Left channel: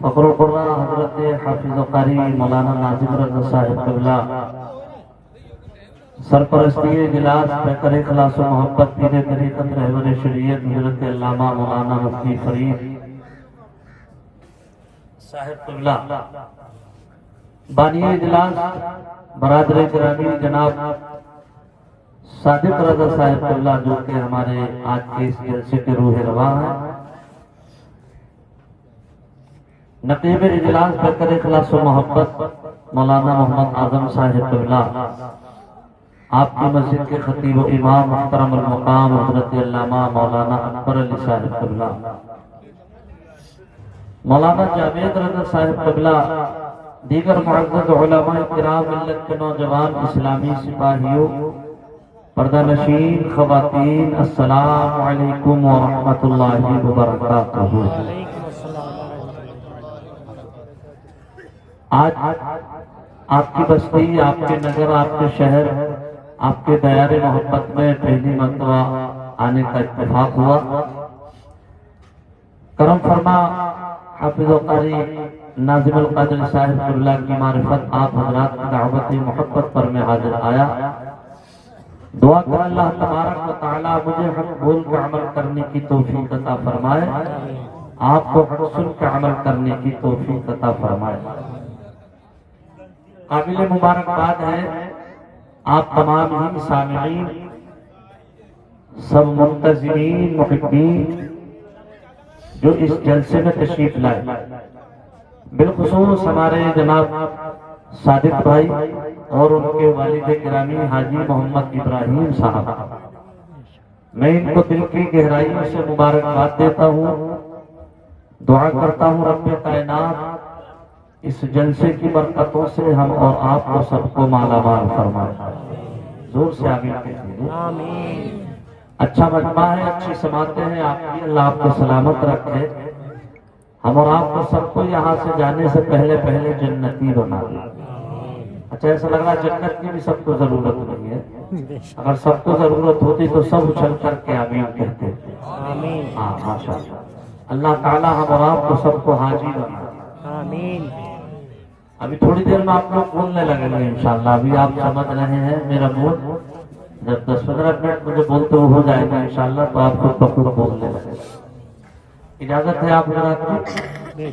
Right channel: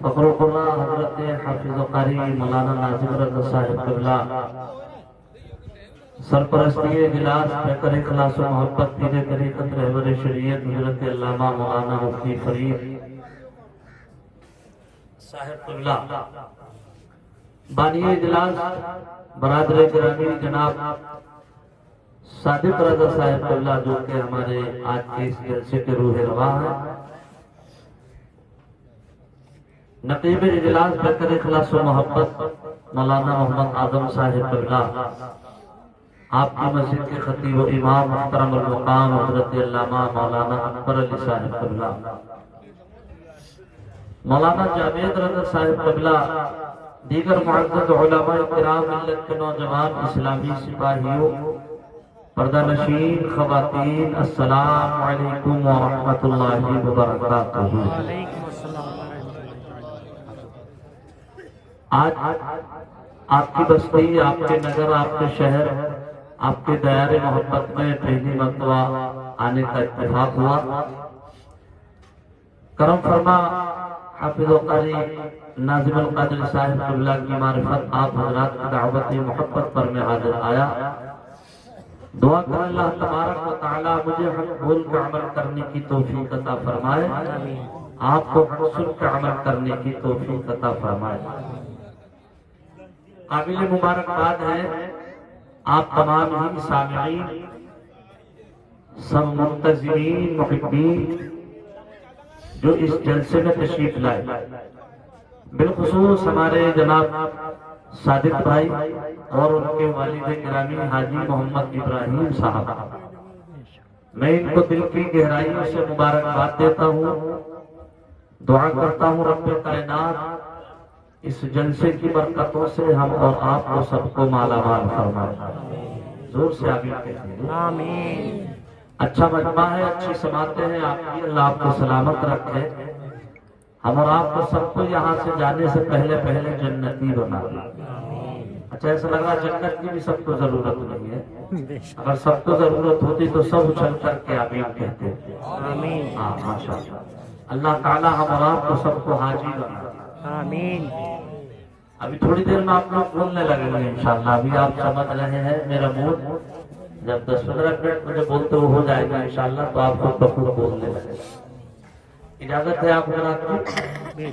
فخر القرآ حضرت حافظ قاری مولانا ناظم رضا صاحب قبلہ سرپرستی اجلاس پیکر اخلاص و محبت پیر طریقت رہبر شریعت حضرت علامہ مولانا مفتی فرید صاحب قبلہ، بانی اجلاس برادر گرامی جناب صادق رضا صاحب قبلہ جو کہ ہمارے آج کے اس جلسے کے روح رواں ہیں، نقیب اجلاس پیکر اخلاص و محبت مولانا محمد اعظم صاحب قبلہ، آپ کی مسجد کے خطیب و امام محترم المقام حضرت علامہ مولانا اکبر علی صاحب قبلہ، مولانا جاوید رضا صاحب قبلہ، دیگر معزز علماء کرام ملت کے نوجوان اسلامی سپاہیوں، پردہ نشین خواتین، السلام علیکم ورحمۃ اللہ وبرکاتہ۔ آج آپ کی بستی، آپ کے نگر، آپ کے شہر، آپ کے دیار محبت میں پہلی مرتبہ آنے کا اتفاق ہوا۔ کرم فرما حافظ و قاری ناظم القادری صاحب قبلہ کی معرفت آپ حضرات کی دعوت محبت پر میں حاضر آیا۔ دعا کر اللہ تبارک و تعالی مجھے حق بول کے عمل کرنے کی توفیق عطا فرمائے، آپ کو حق سن کے عمل کرنے کی توفیق عطا فرمائے۔ قابل مبارکباد ہے آپ تمام ہی سامعین، سب منتظرین، محبین جو اس جلسے میں تشریف لائے، بالخصوص ہمارے جناب صادق بھائی اور ان کے والد گرامی حاجی محمد ابراہیم صاحب، میں ان کو دل کی گہرائیوں سے مبارکباد دیتا ہوں۔ دعا کرتا ہوں رب کائنات اس جلسے کی برکتوں سے ہم اور آپ کو سب کو مالا مال فرمائے۔ زور سے آمین کہیے۔ آمین۔ اچھا مجمع ہے، اچھی سماعتیں ہیں آپ کی، اللہ آپ کو سلامت رکھے، ہم اور آپ کو سب کو یہاں سے جانے سے پہلے پہلے جنتی بنا دے۔ اچھا ایسا لگ رہا جنت کی بھی سب کو ضرورت نہیں ہے، اگر سب کو ضرورت ہوتی تو سب اچھل کر کے آمین کہتے۔ آمین۔ ہاں ماشاءاللہ، اللہ تعالی ہم اور آپ کو سب کو حاجی بنا دے۔ آمین۔ ابھی تھوڑی دیر میں آپ لوگ بولنے لگیں گے انشاءاللہ، ابھی آپ سمجھ رہے ہیں میرا موڈ، جب 10-15 منٹ مجھے بولتے ہو جائے گا انشاءاللہ تو آپ کو بخود بولنے لگے گا۔ اجازت ہے آپ حضرات کی؟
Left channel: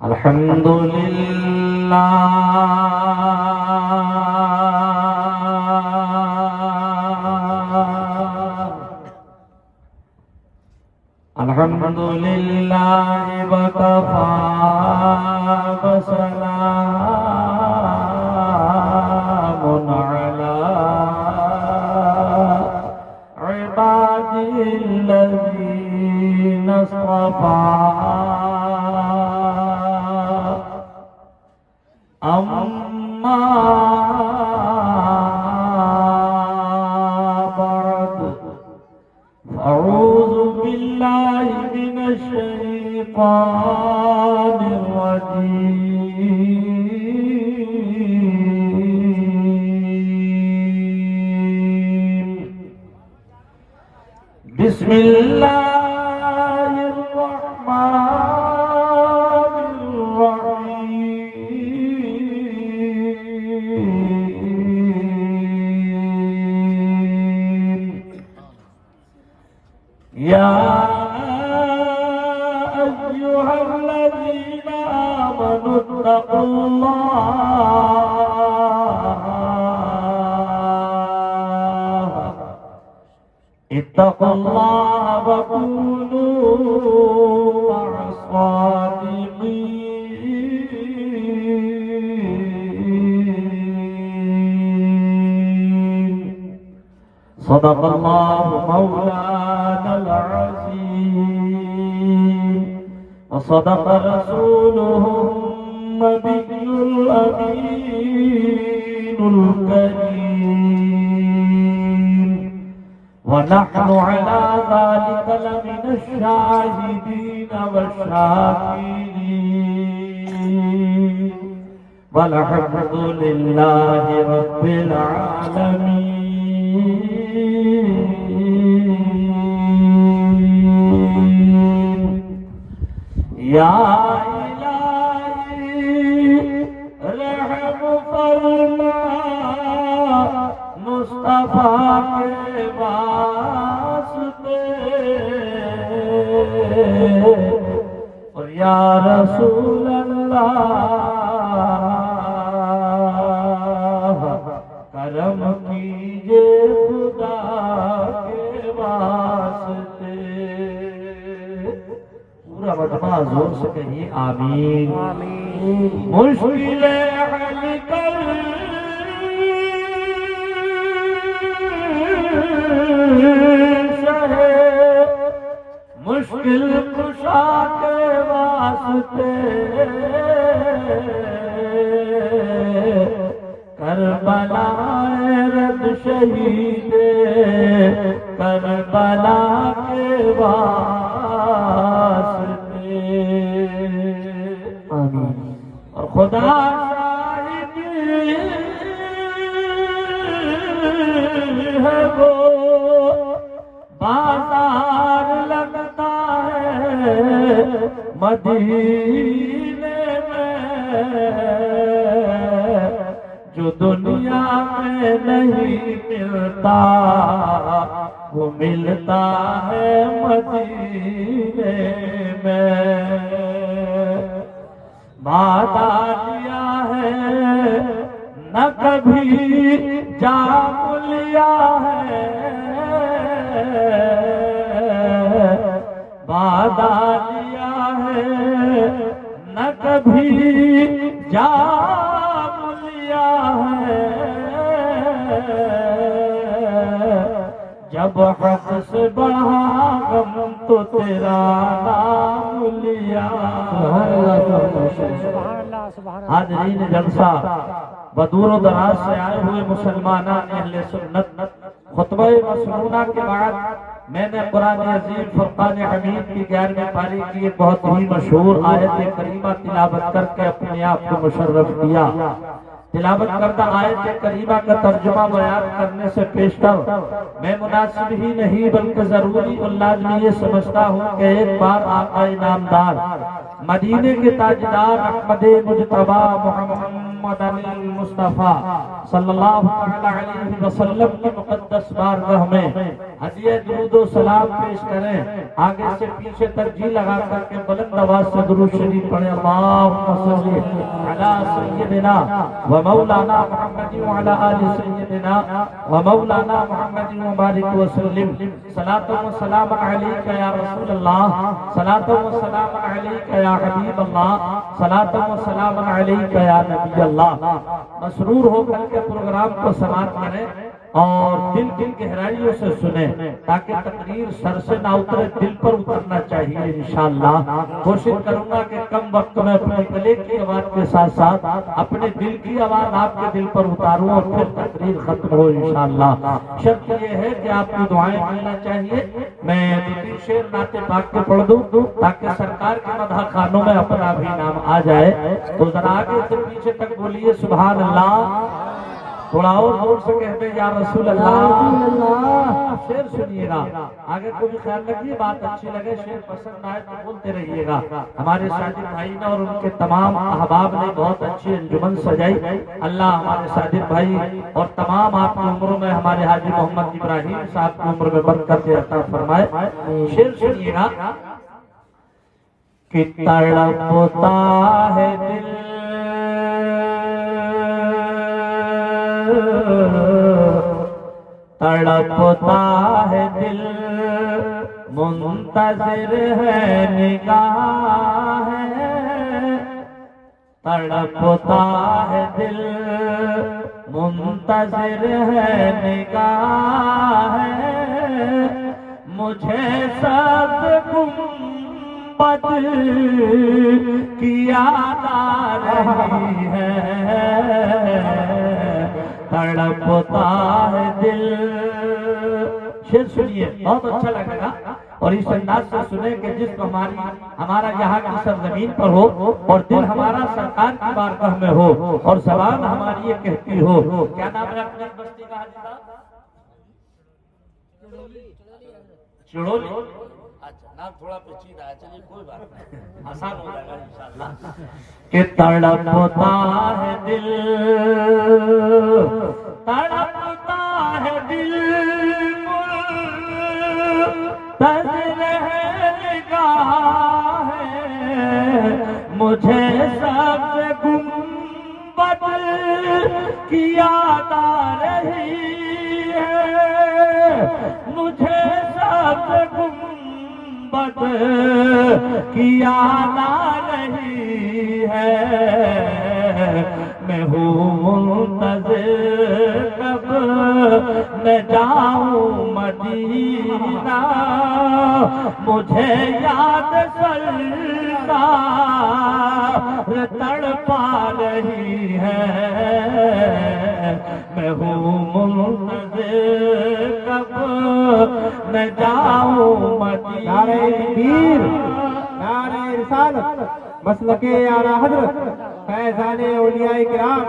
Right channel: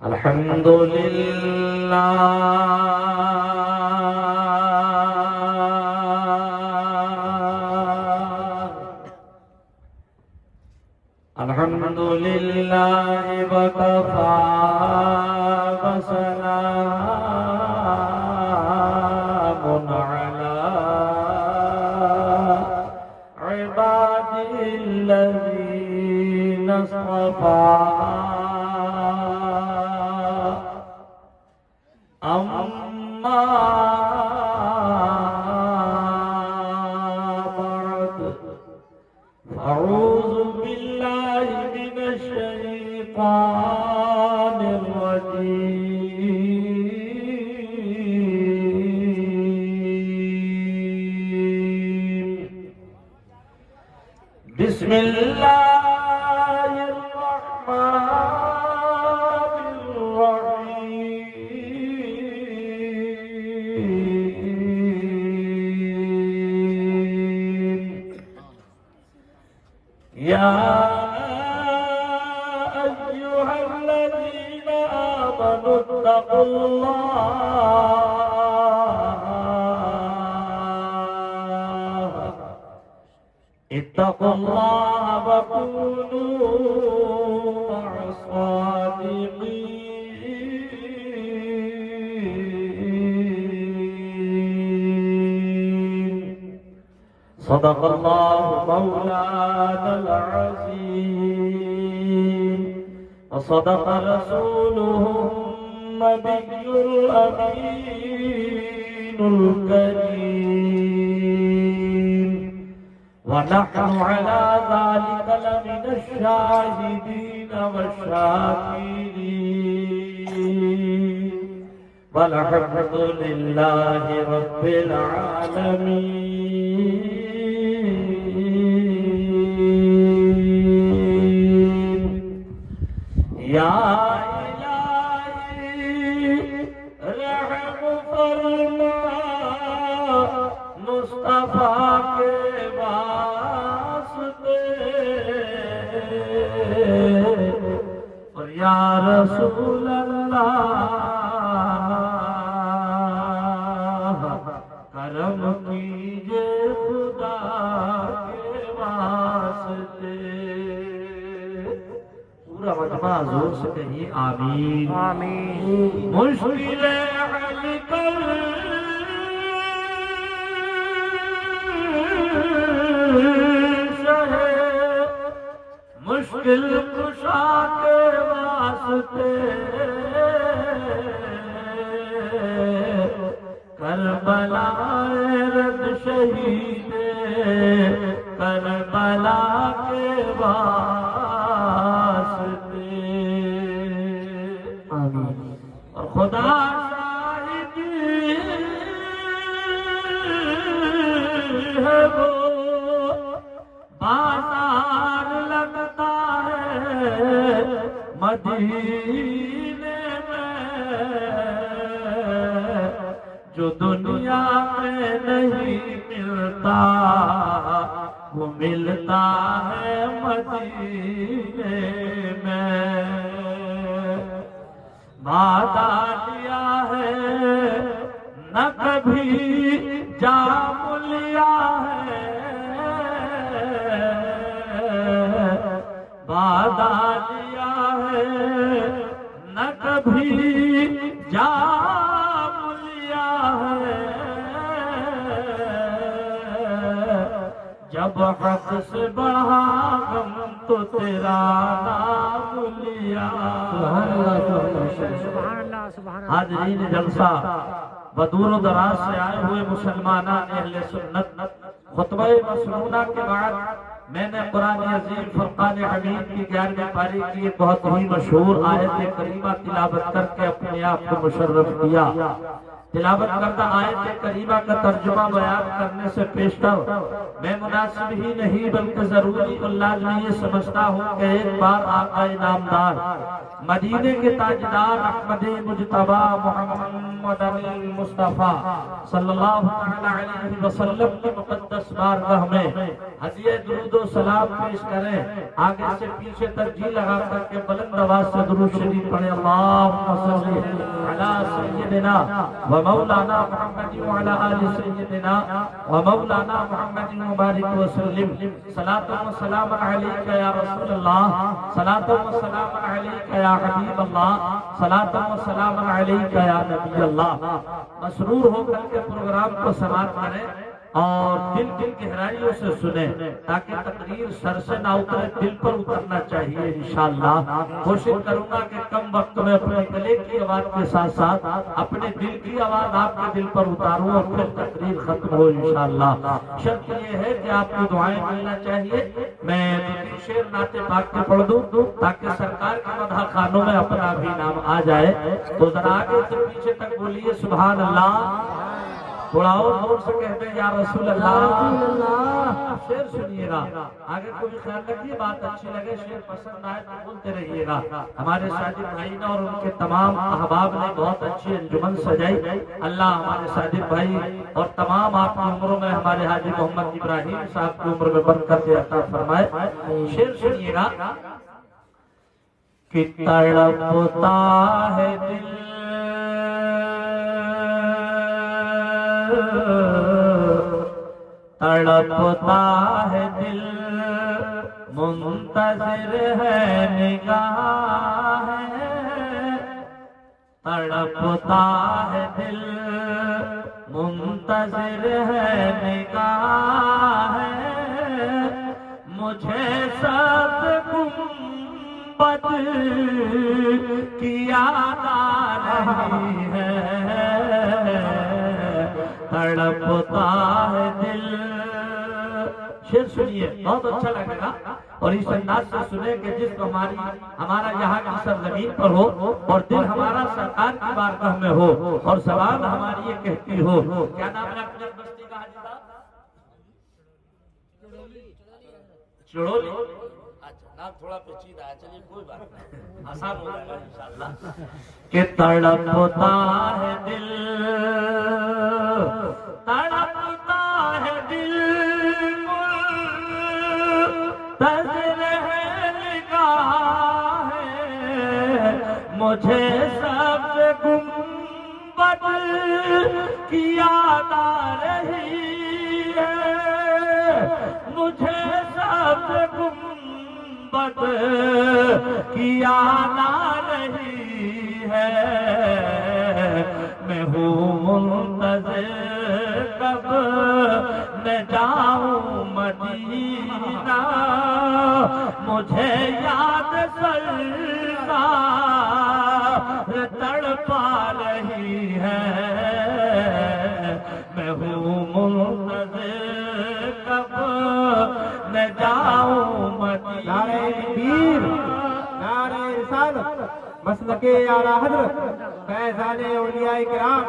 الحمدللہ الحمدللہ وکفی وسلام علی عبادہ الذین اصطفی، اما بعد اعوذ باللہ من الشیطان الرجیم، بسم اللہ یا ایھا الذین آمنوا اتقوا اللہ وکونوا مع الصادقین، صدق اللہ مولانا العظیم وصدق رسوله النبی الامین الکریم، ونحن على ذلك لمن الشاهدين والشاكرين، والحمد لله رب العالمين۔ یا الہی رحم فرما مصطفیٰ کے واسطے، اور یا رسول اللہ کرم کیجئے خدا کے واسطے۔ پورا مجمع زور سے کہیے آمین آمین۔ مشکلیں حل کر شہے مشکل کشا کے واسطے، کربلا رد شہید کربلا کے واسطے، اور خدا شاہدی ہے وہ بازار لگتا ہے مدینے میں، جو دنیا میں نہیں ملتا وہ ملتا ہے مدینے میں۔ وعدہ لیا ہے نہ کبھی جام لیا ہے، وعدہ لیا ہے نہ کبھی جام لیا ہے، جب حق سے بڑھا غم تو تیرا نام لیا۔ حاضرین جلسہ بدور و دراز سے آئے ہوئے مسلمانان اہل سنت، خطبہ مسنونہ کے بعد میں نے قرآن عظیم فرقان حمید کی 11ویں پاری کی ایک بہت ہی مشہور آیت کریمہ تلاوت کر کے اپنے آپ کو مشرف کیا۔ تلاوت کردہ آیت کریمہ کا ترجمہ بیان کرنے سے پیشتر میں مناسب ہی نہیں بلکہ ضروری اور لازمی یہ سمجھتا ہوں کہ ایک بار آقا نامدار مدینے کے تاجدار احمد مجتبی محمد المصطفیٰ صلی اللہ علیہ وسلم کی مقدس بارگاہ میں ہدیہ درود و سلام پیش کریں۔ آگے سے پیچھے ترجیح لگا کر کے بلند آواز سے درود شریف پڑھیں۔ اللہم صلی علی سیدنا و مولانا محمد وعلی آل سیدنا و مولانا محمد مبارک وسلم۔ صلاۃ و سلام علیک یا رسول اللہ، صلاۃ و سلام علیک یا حبیب اللہ، صلاۃ و سلام علیک یا نبی اللہ۔ مسرور ہو کر کے پروگرام کو سماعت کریں اور دل گہرائیوں سے سنیں تاکہ تقریر سر سے نہ اترے، دل پر اترنا چاہیے انشاءاللہ۔ کوشش کروں گا کہ کم وقت میں اپنے گلے کی آواز کے ساتھ ساتھ اپنے دل کی آواز آپ کے دل پر اتاروں اور پھر تقریر ختم ہو انشاءاللہ۔ شرط یہ ہے کہ آپ کی دعائیں ملنا چاہیے۔ میں دو شعر نعت پاک کے پڑھ دوں تاکہ سرکار کے مدح خانوں میں اپنا بھی نام آ جائے، تو ذرا آگے سے پیچھے تک بولیے سبحان اللہ، تھوڑا اور زور سے کہتے یا رسول اللہ۔ شعر سنیے گا، آگے کو بھی خیال رکھیے، بات اچھی لگے، شعر پسند آئے تو بولتے رہیے گا۔ ہمارے ساجد بھائی نے اور ان کے تمام احباب نے بہت اچھی انجمن سجائی۔ اللہ ہمارے ساجد بھائی اور تمام آپ کی عمروں میں ہمارے حاجی محمد ابراہیم صاحب کی عمر میں برکت عطا فرمائے۔ شعر سنیے گا کہ تڑپتا ہے دل تڑپتا ہے دل منتظر ہے نگاہ ہے، تڑپتا ہے دل منتظر ہے نگاہ ہے، مجھے سب گنبد کی یاد آ رہی ہے، تڑپتا ہے دل۔ شعر سنیے، بہت اچھا لگے گا اور اس انداز سے سنیں کہ جسم ہمارا یہاں کی سرزمین پر ہو اور دل ہمارا سرکار کی بارگاہ میں ہو اور زبان ہماری یہ کہتی ہو۔ کیا نام ہے اپنے بستی کا حاجی صاحب؟ چڑولی۔ نام تھوڑا پیچیدہ ہے، چلیے کوئی بات نہیں، آسان ہو جائے گا انشاءاللہ۔ کہ تڑپتا ہے دل، تڑپتا ہے دل، منتظر ہے نگاہ ہے، مجھے سب گنبد کی یاد آ رہی ہے، مجھے سب گنبد کی یاد آ رہی ہے، میں ہوں منتظر کب میں جاؤں مدینہ، مجھے یاد سرکار تڑپا رہی ہے، میں ہوں منتظر کب میں جاؤں مدینہ۔ نعرہ تکبیر، نعرہ رسالت، مسلک اعلیٰ حضرت فیضان اولیاء کرام۔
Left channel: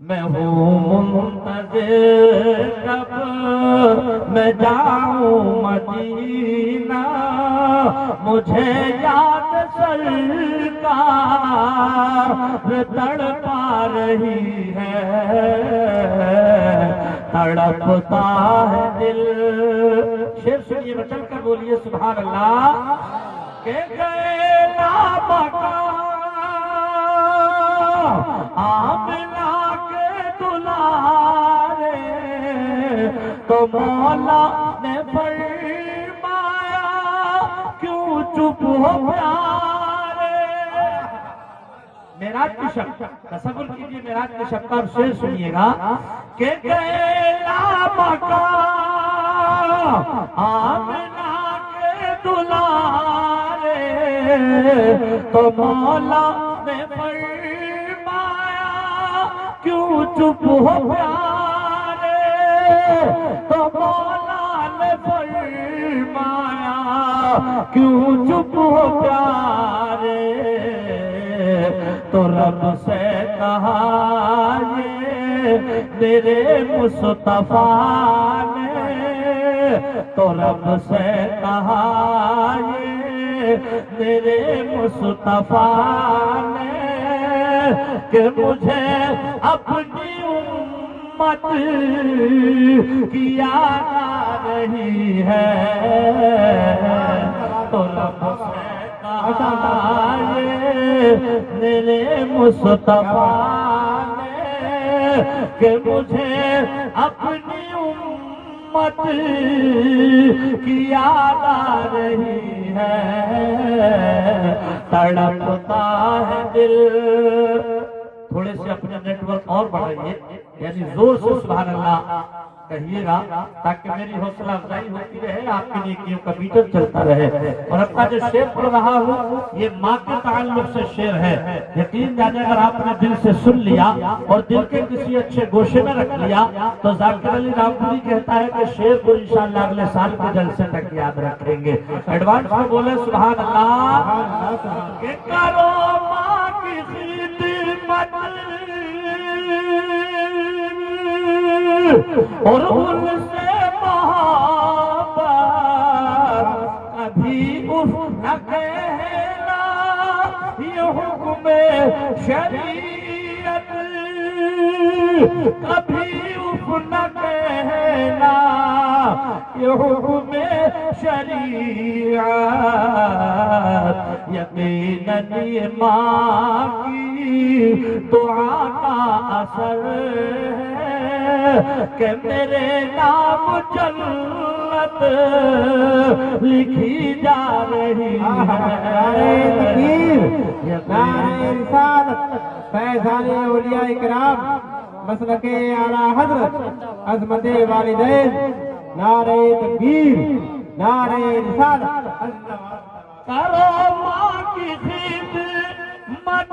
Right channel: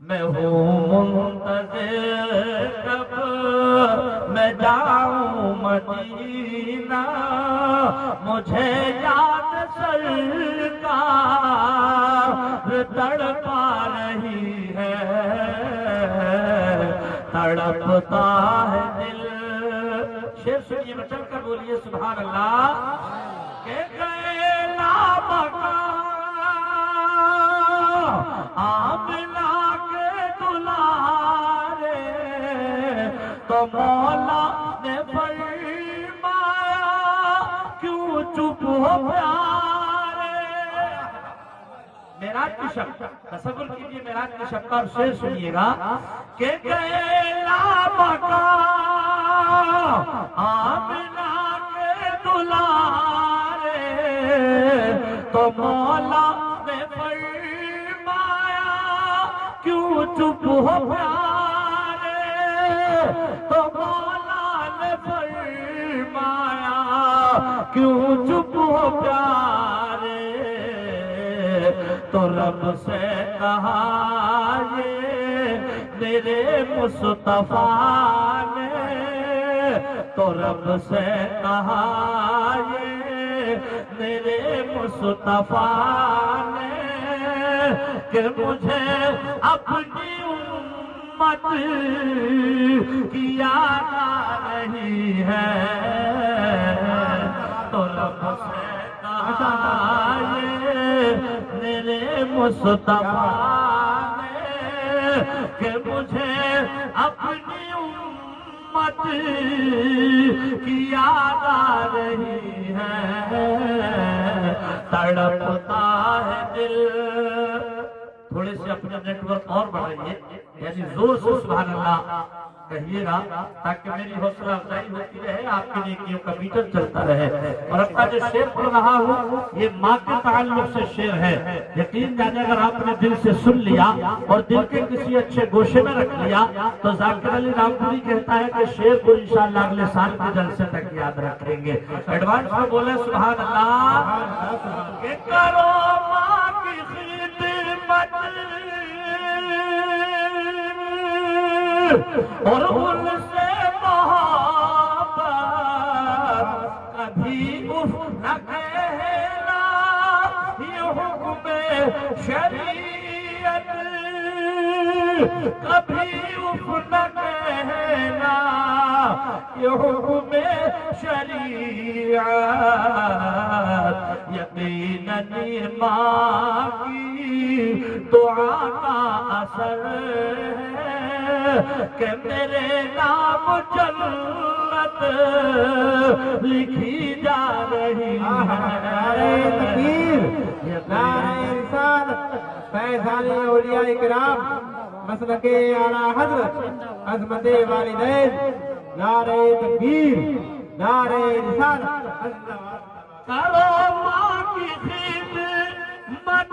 میں ہوں منتظر کب میں جاؤں مدینہ، مجھے یاد سرکار تڑپا رہی ہے، تڑپتا ہے دل۔ شعر سنیے، چل کر بولیے سبحان اللہ۔ کہ گئے نابکا آمنہ کے دلارے، تو مولا نے فرمایا کیوں چپ ہو پیارے۔ معراج کی شب، تصور کیجئے معراج کی شب کا، اور شعر سنیے گا۔ کہ گئے نابکا آمنہ کے دلارے، تو مولا نے فرمایا کیوں چپ ہو پیارے، تو مولا نے فرمایا کیوں چپ ہو پیارے، تو رب سے کہا یہ میرے مصطفیٰ نے، تو رب سے کہا یہ میرے مصطفیٰ نے، کہ مجھے اپنی امت کی یاد آ رہی ہے، تو رب سے کہا یہ میرے مصطفیٰ نے، کہ مجھے اپنی امت کی یاد آ رہی ہے، تڑپتا ہے دل۔ تھوڑے سے اپنے نیٹ ورک اور بڑھائیے، یعنی زور سے سبحان اللہ کہیے گا، تاکہ میری حوصلہ افزائی ہوتی رہے، آپ کے نیکیوں کا میٹر چلتا رہے۔ اور اب کا جو شعر پڑھ رہا ہوں یہ ماں کے تعلق سے شعر ہے، یقین جانے اگر آپ نے دل سے سن لیا اور دل کے کسی اچھے گوشے میں رکھ لیا تو ذاکر علی رامپوری کہتا ہے کہ شعر کو انشاءاللہ اگلے سال کے جلسے تک یاد رکھیں گے۔ ایڈوانس میں بولے سبحان اللہ۔ کہ کرو ماں کی خدمت اور ان سے محبت، کبھی اف نہ کہنا یہ حکم شریعت، کبھی اف نہ کہنا یہ حکم شریعت، یقیناً یہ ماں کی دعا کا اثر ہے کہ میرے نام جنت لکھی جا رہی ہے۔ نعرہ رسالت فیضان اولیاء کرام، مسلک اعلیٰ حضرت عظمت والدین، نعرہ تکبیر، نعرہ رسالت۔ کرو ماں کی خدمت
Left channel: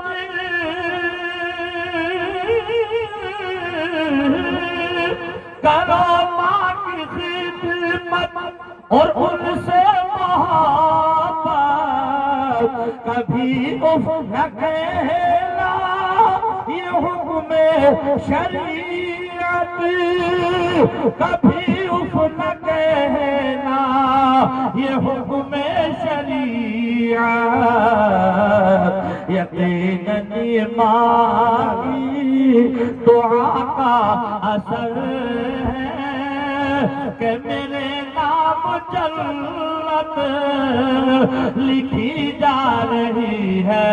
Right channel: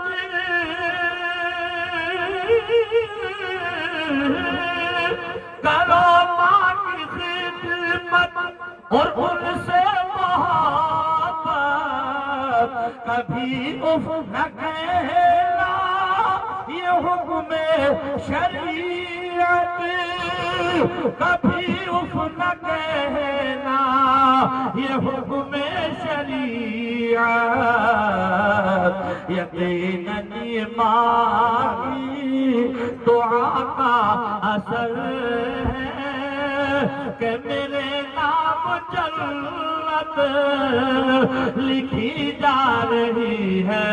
کرو ماں کی خدمت اور ان سے محبت، کبھی اف نہ کہنا یہ حکم شریعت، کبھی اف نہ کہنا یہ حکم شریعت یقیناً ایمان کی دعا کا اثر ہے کہ میرے نام جنت لکھی جا رہی ہے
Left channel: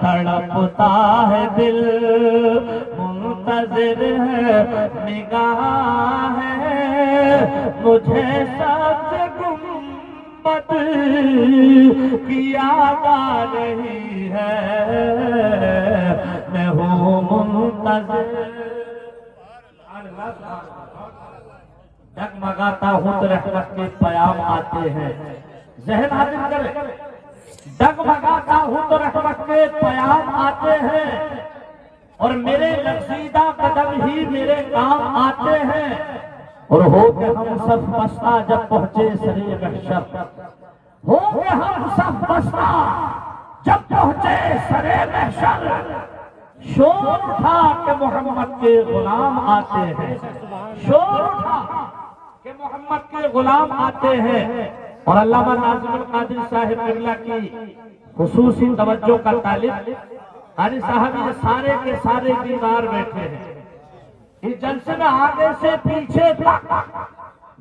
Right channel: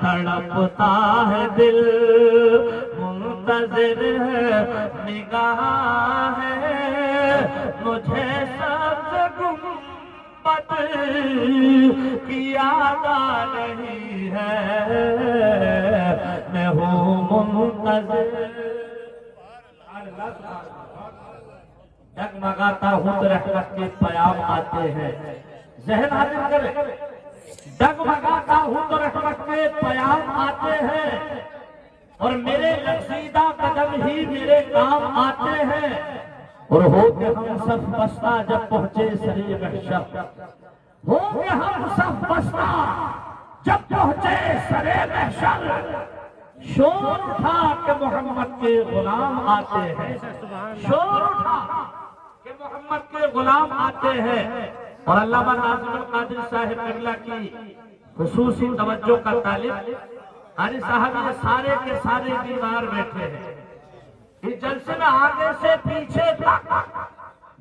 تڑپتا ہے دل منتظر ہے نگاہ ہے مجھے سبز گنبد کی یاد آ رہی ہے میں ہوں منتظر ڈگمگاتا ہوں تو رحمت کے پیام آتے ہیں ذہن حاضر کرے ڈگمگاتا ہوں تو رحمت کے پیام آتے ہیں اور میرے لرزیدہ قدم ہی میرے کام آتے ہیں اور ہو کے ہم سب بستہ جب پہنچے سرے محشر ہو کے ہم سب بستہ جب پہنچے سرے محشر شور اٹھا کہ محمد کے غلام آتے ہیں شور اٹھا کہ محمد کے غلام آتے ہیں اور علامہ ناظم القادری صاحب قبلہ کی خصوصی توجہ کا طالب قاری صاحب یہ سارے کے سارے بیمار بیٹھے ہیں اس جلسے میں آگے سے پیچھے تک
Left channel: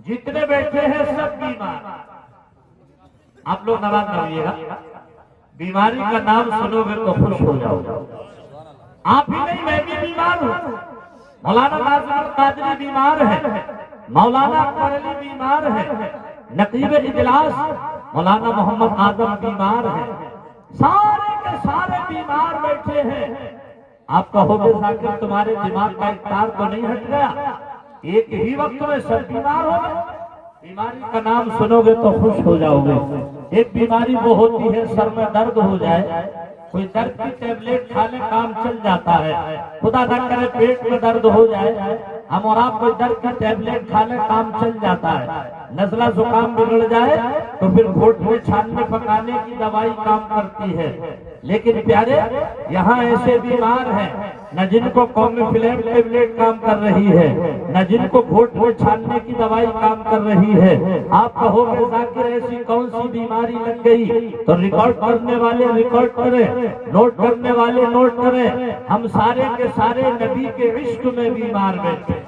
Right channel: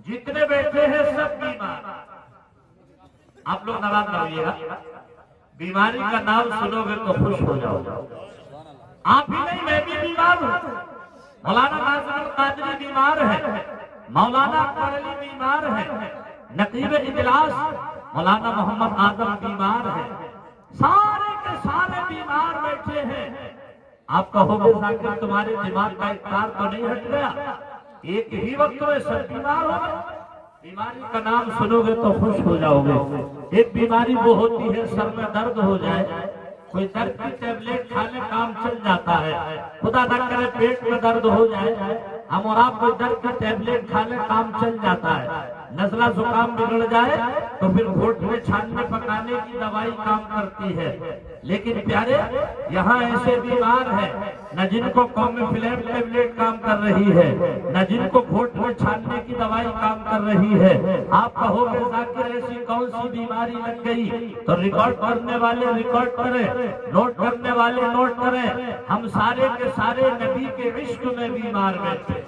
جتنے بیٹھے ہیں سب بیمار آپ لوگ ناراض نہ ہوئیے گا بیماری کا نام سنو گے تو خوش ہو جاؤ آپ ہی نہیں میں بھی بیمار ہوں مولانا ناظم القادری بیمار ہے مولانا قرلی بیمار ہے نقیب اجلاس مولانا محمد اعظم بیمار ہے سارے کے سارے بیمار بیٹھے ہیں آپ کا ہوگے ذاکر تمہارے دماغ کا اختیار تو نہیں ہٹ گیا ایک ہی وقت میں سب بیمار ہو گئے بیماری کا نام سنو گے تو خوش ہو جاؤ گے ایک بیماری وہ ہوتی ہے سر میں درد ہو جائے کوئی درد کی ٹیبلیٹ کھانے کام چل جاتا ہے خدا نہ کرے پیٹ میں درد ہو جائے ہم اور آپ کوئی درد کی ٹیبلیٹ کھانے کام چل جاتا ہے نزلہ زکام بگڑ جائے تو پھر گھوٹ میں چھاننے پکانے کی دوائی کام کرتی ہے لیکن پیارے یہاں ایسے بیمار ہیں نہ جن کو قومی فلیم ٹیبلیٹ کام کر رہی ہے نہ جن کو گھوٹ میں چھاننے کی دوائی کام کر رہی ہے آپ کہو کہ ذاکر ایسی کون سی بیماری لگ گئی تو ریکارڈ کرنے والے ریکارڈ کریں نوٹ کرنے والے نوٹ کریں ہم سارے کے سارے نبی کے عشق میں بیمار بیٹھے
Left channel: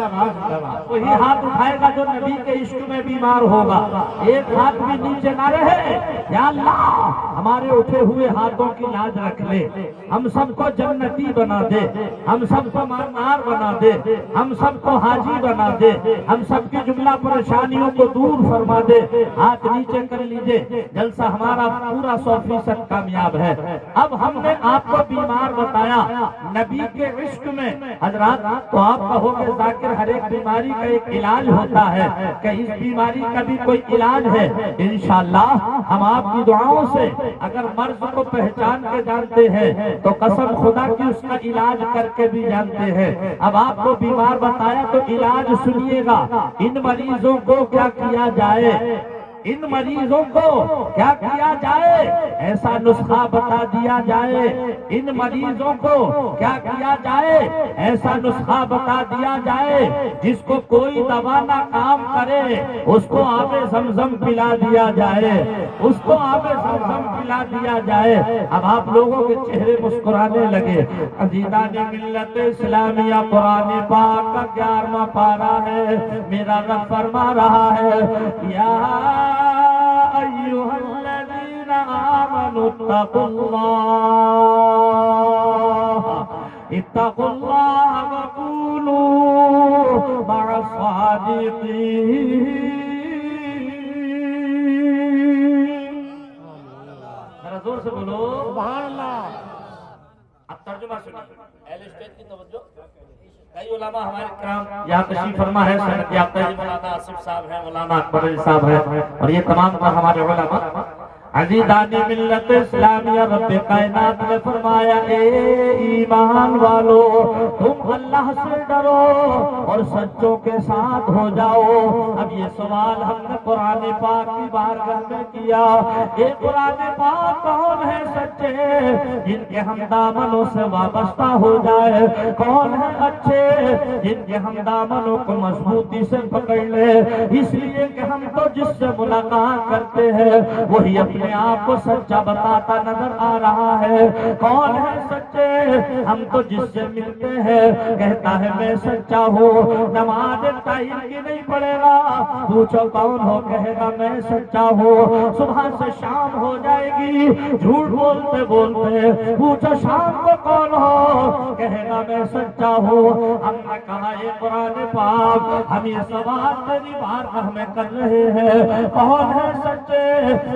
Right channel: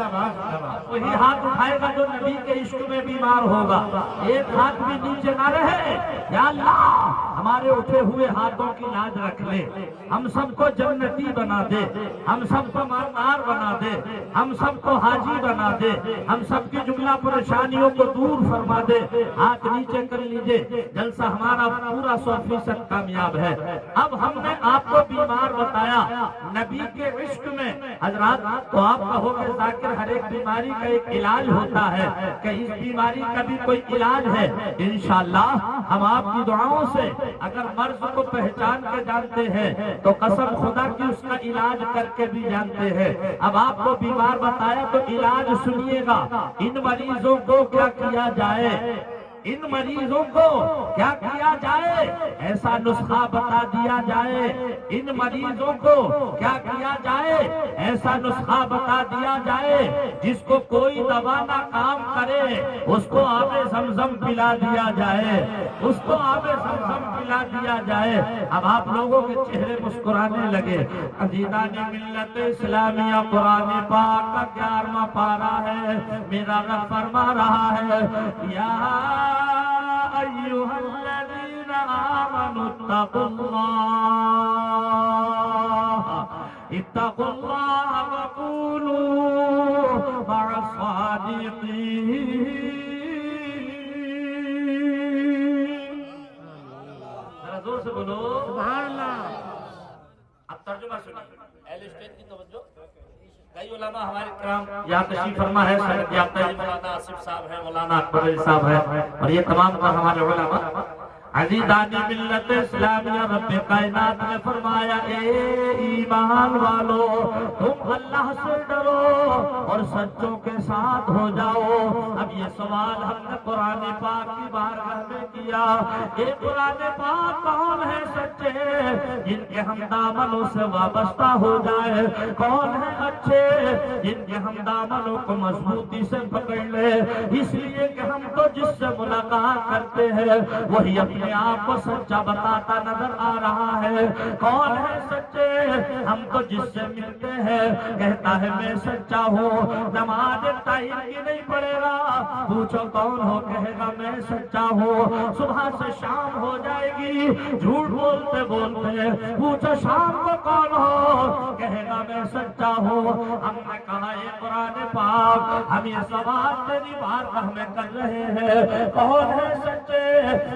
وہی ہاتھ اٹھائے گا جو نبی کے عشق میں بیمار ہوگا ایک ہاتھ بھی نیچے نہ رہے یا اللہ ہمارے اٹھے ہوئے ہاتھوں کی لاج رکھ لے ہم سب کو جنتی بنا دے ہم سب کو مالدار بنا دے ہم سب کو حاجی بنا دے ہم سب کی جملہ پریشانیوں کو دور فرما دے ہاتھ نیچے کر لیجئے جلسہ ہمارا پورا 100% کامیاب ہے اب ہم نے آپ کو بیمار بتایا نبی کے عشق میں حضرات تو آپ کہو گے ذاکر ہر ایک بیماری کا ایک علاج ہوتا ہے کہ اس بیماری کا بھی کوئی علاج ہے انشاءاللہ ہم آپ کی دعاؤں سے اگر مرض کو پہچان کے جانتے ہیں تو قسم خدا کی اس کا علاج کر کے بھی جانتے ہیں اب آپ کو بیمار بتایا تو علاج سنیے گا ان مریضوں کو کیا کیا جائے ان مریضوں کو کیا کیا جائے ایسا نسخہ بتا دیا جائے ان مریضوں کو کیا کیا جائے ایسا نسخہ بتا دیا جائے جس کو کوئی دوا نہ کام کرے اس کو آب زمزم پلا دیا جائے اس کو آب زمزم پلا دیا جائے اب آپ لوگوں کے چہرے مسکرانے لگے عزیزان ملت اسلامیہ قرآن پاک کا 11واں پارہ ہے میرا رب فرما رہا ہے یا أيها الذين آمنوا اتقوا الله وكونوا مع الصادقين ذرا زور سے بولو سبحان اللہ اب ترجمہ سنو اہل اسٹیج کی توجہ کئی علماء ہمارے کرام یہاں تشریف فرما ہے سید یافتہ مولانا آصف صاحب ہیں مولانا اکبر علی صاحب ہے اور یہ تمام ہمارے علماء عزیزان ملت اسلامیہ رب کائنات نے فرمایا اے ایمان والو تم اللہ سے ڈرو اور سچوں کے ساتھ ہو جاؤ۔ اب یہ سوال ہم نے قرآن پاک کی بارگاہ میں کیا، یہ قرآن پاک کون ہے سچے جن کے ہم دامنوں سے وابستہ ہو جائے، کون ہے اچھے جن کے ہم دامنوں کو مضبوطی سے پکڑ لے، اس لیے کہ ہم تو جس سے ملاقات کرتے ہیں وہی اپنے آپ کو سچا بتاتا نظر آ رہا ہے۔ کون ہے سچے؟ ہم تو جس سے ملتے ہیں کہتا ہے میں سچا ہوں، نماز ٹائم کی نہیں پڑے گا، پوچھو کون ہو کہے گا میں سچا ہوں، صبح سے شام ہو جائے گی جھوٹ بولتے بولتے، پوچھو شام کو کون ہو کہے گا میں سچا ہوں۔ ہم نے کہا یہ قرآن پاک ہم یہ سوال تیری بارگاہ میں کر رہے ہیں، کون ہے سچے؟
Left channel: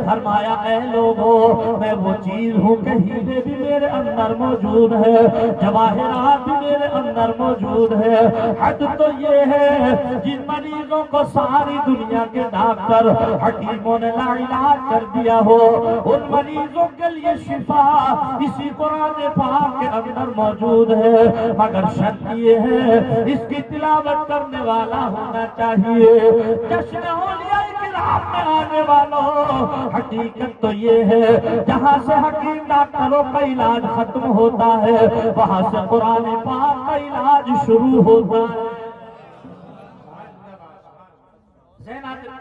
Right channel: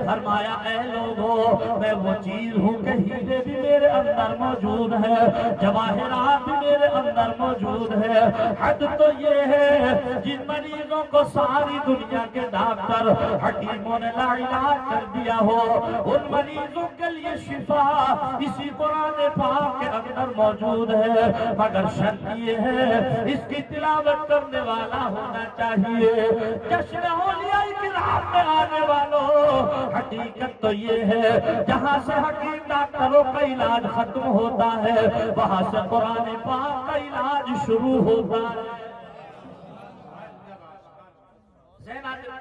فرمایا اے لوگوں میں وہ چیز ہوں کہ ہیرے بھی میرے اندر موجود ہے، جواہرات بھی میرے اندر موجود ہے۔ حد تو یہ ہے جن مریضوں کو ساری دنیا کے ڈاکٹر حکیموں نے لا علاج کر دیا ہو، ان مریضوں کے لیے شفا اسی قرآن پاک کے اندر موجود ہے، مگر شرط یہ ہے اس کی تلاوت کرنے والا ہونا چاہیے۔ جشن اولیاء کرام میں آنے والوں، حقیقت تو یہ ہے جہاں سے حکیم ڈاکٹروں کا علاج ختم ہوتا ہے وہاں سے قرآن پاک کا علاج شروع ہوتا ہے۔ ذہن عادت کر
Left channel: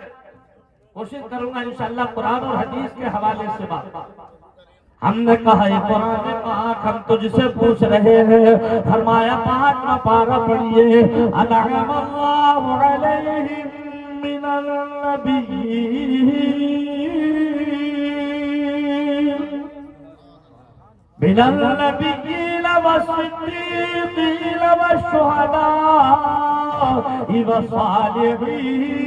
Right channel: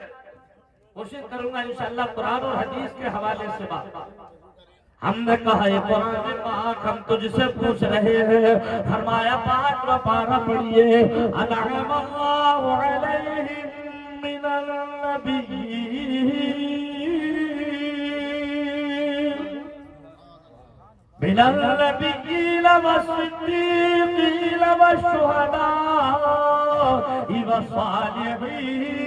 کوشش کروں گا انشاءاللہ قرآن اور حدیث کے حوالے سے بات۔ ہم نے کہا یہ قرآن پاک ہم تجھ سے پوچھ رہے ہیں، فرمایا پاک کا پارہ پڑھیے، انعم اللہ علیہم من النبیین والصدیقین والشہداء والصالحین۔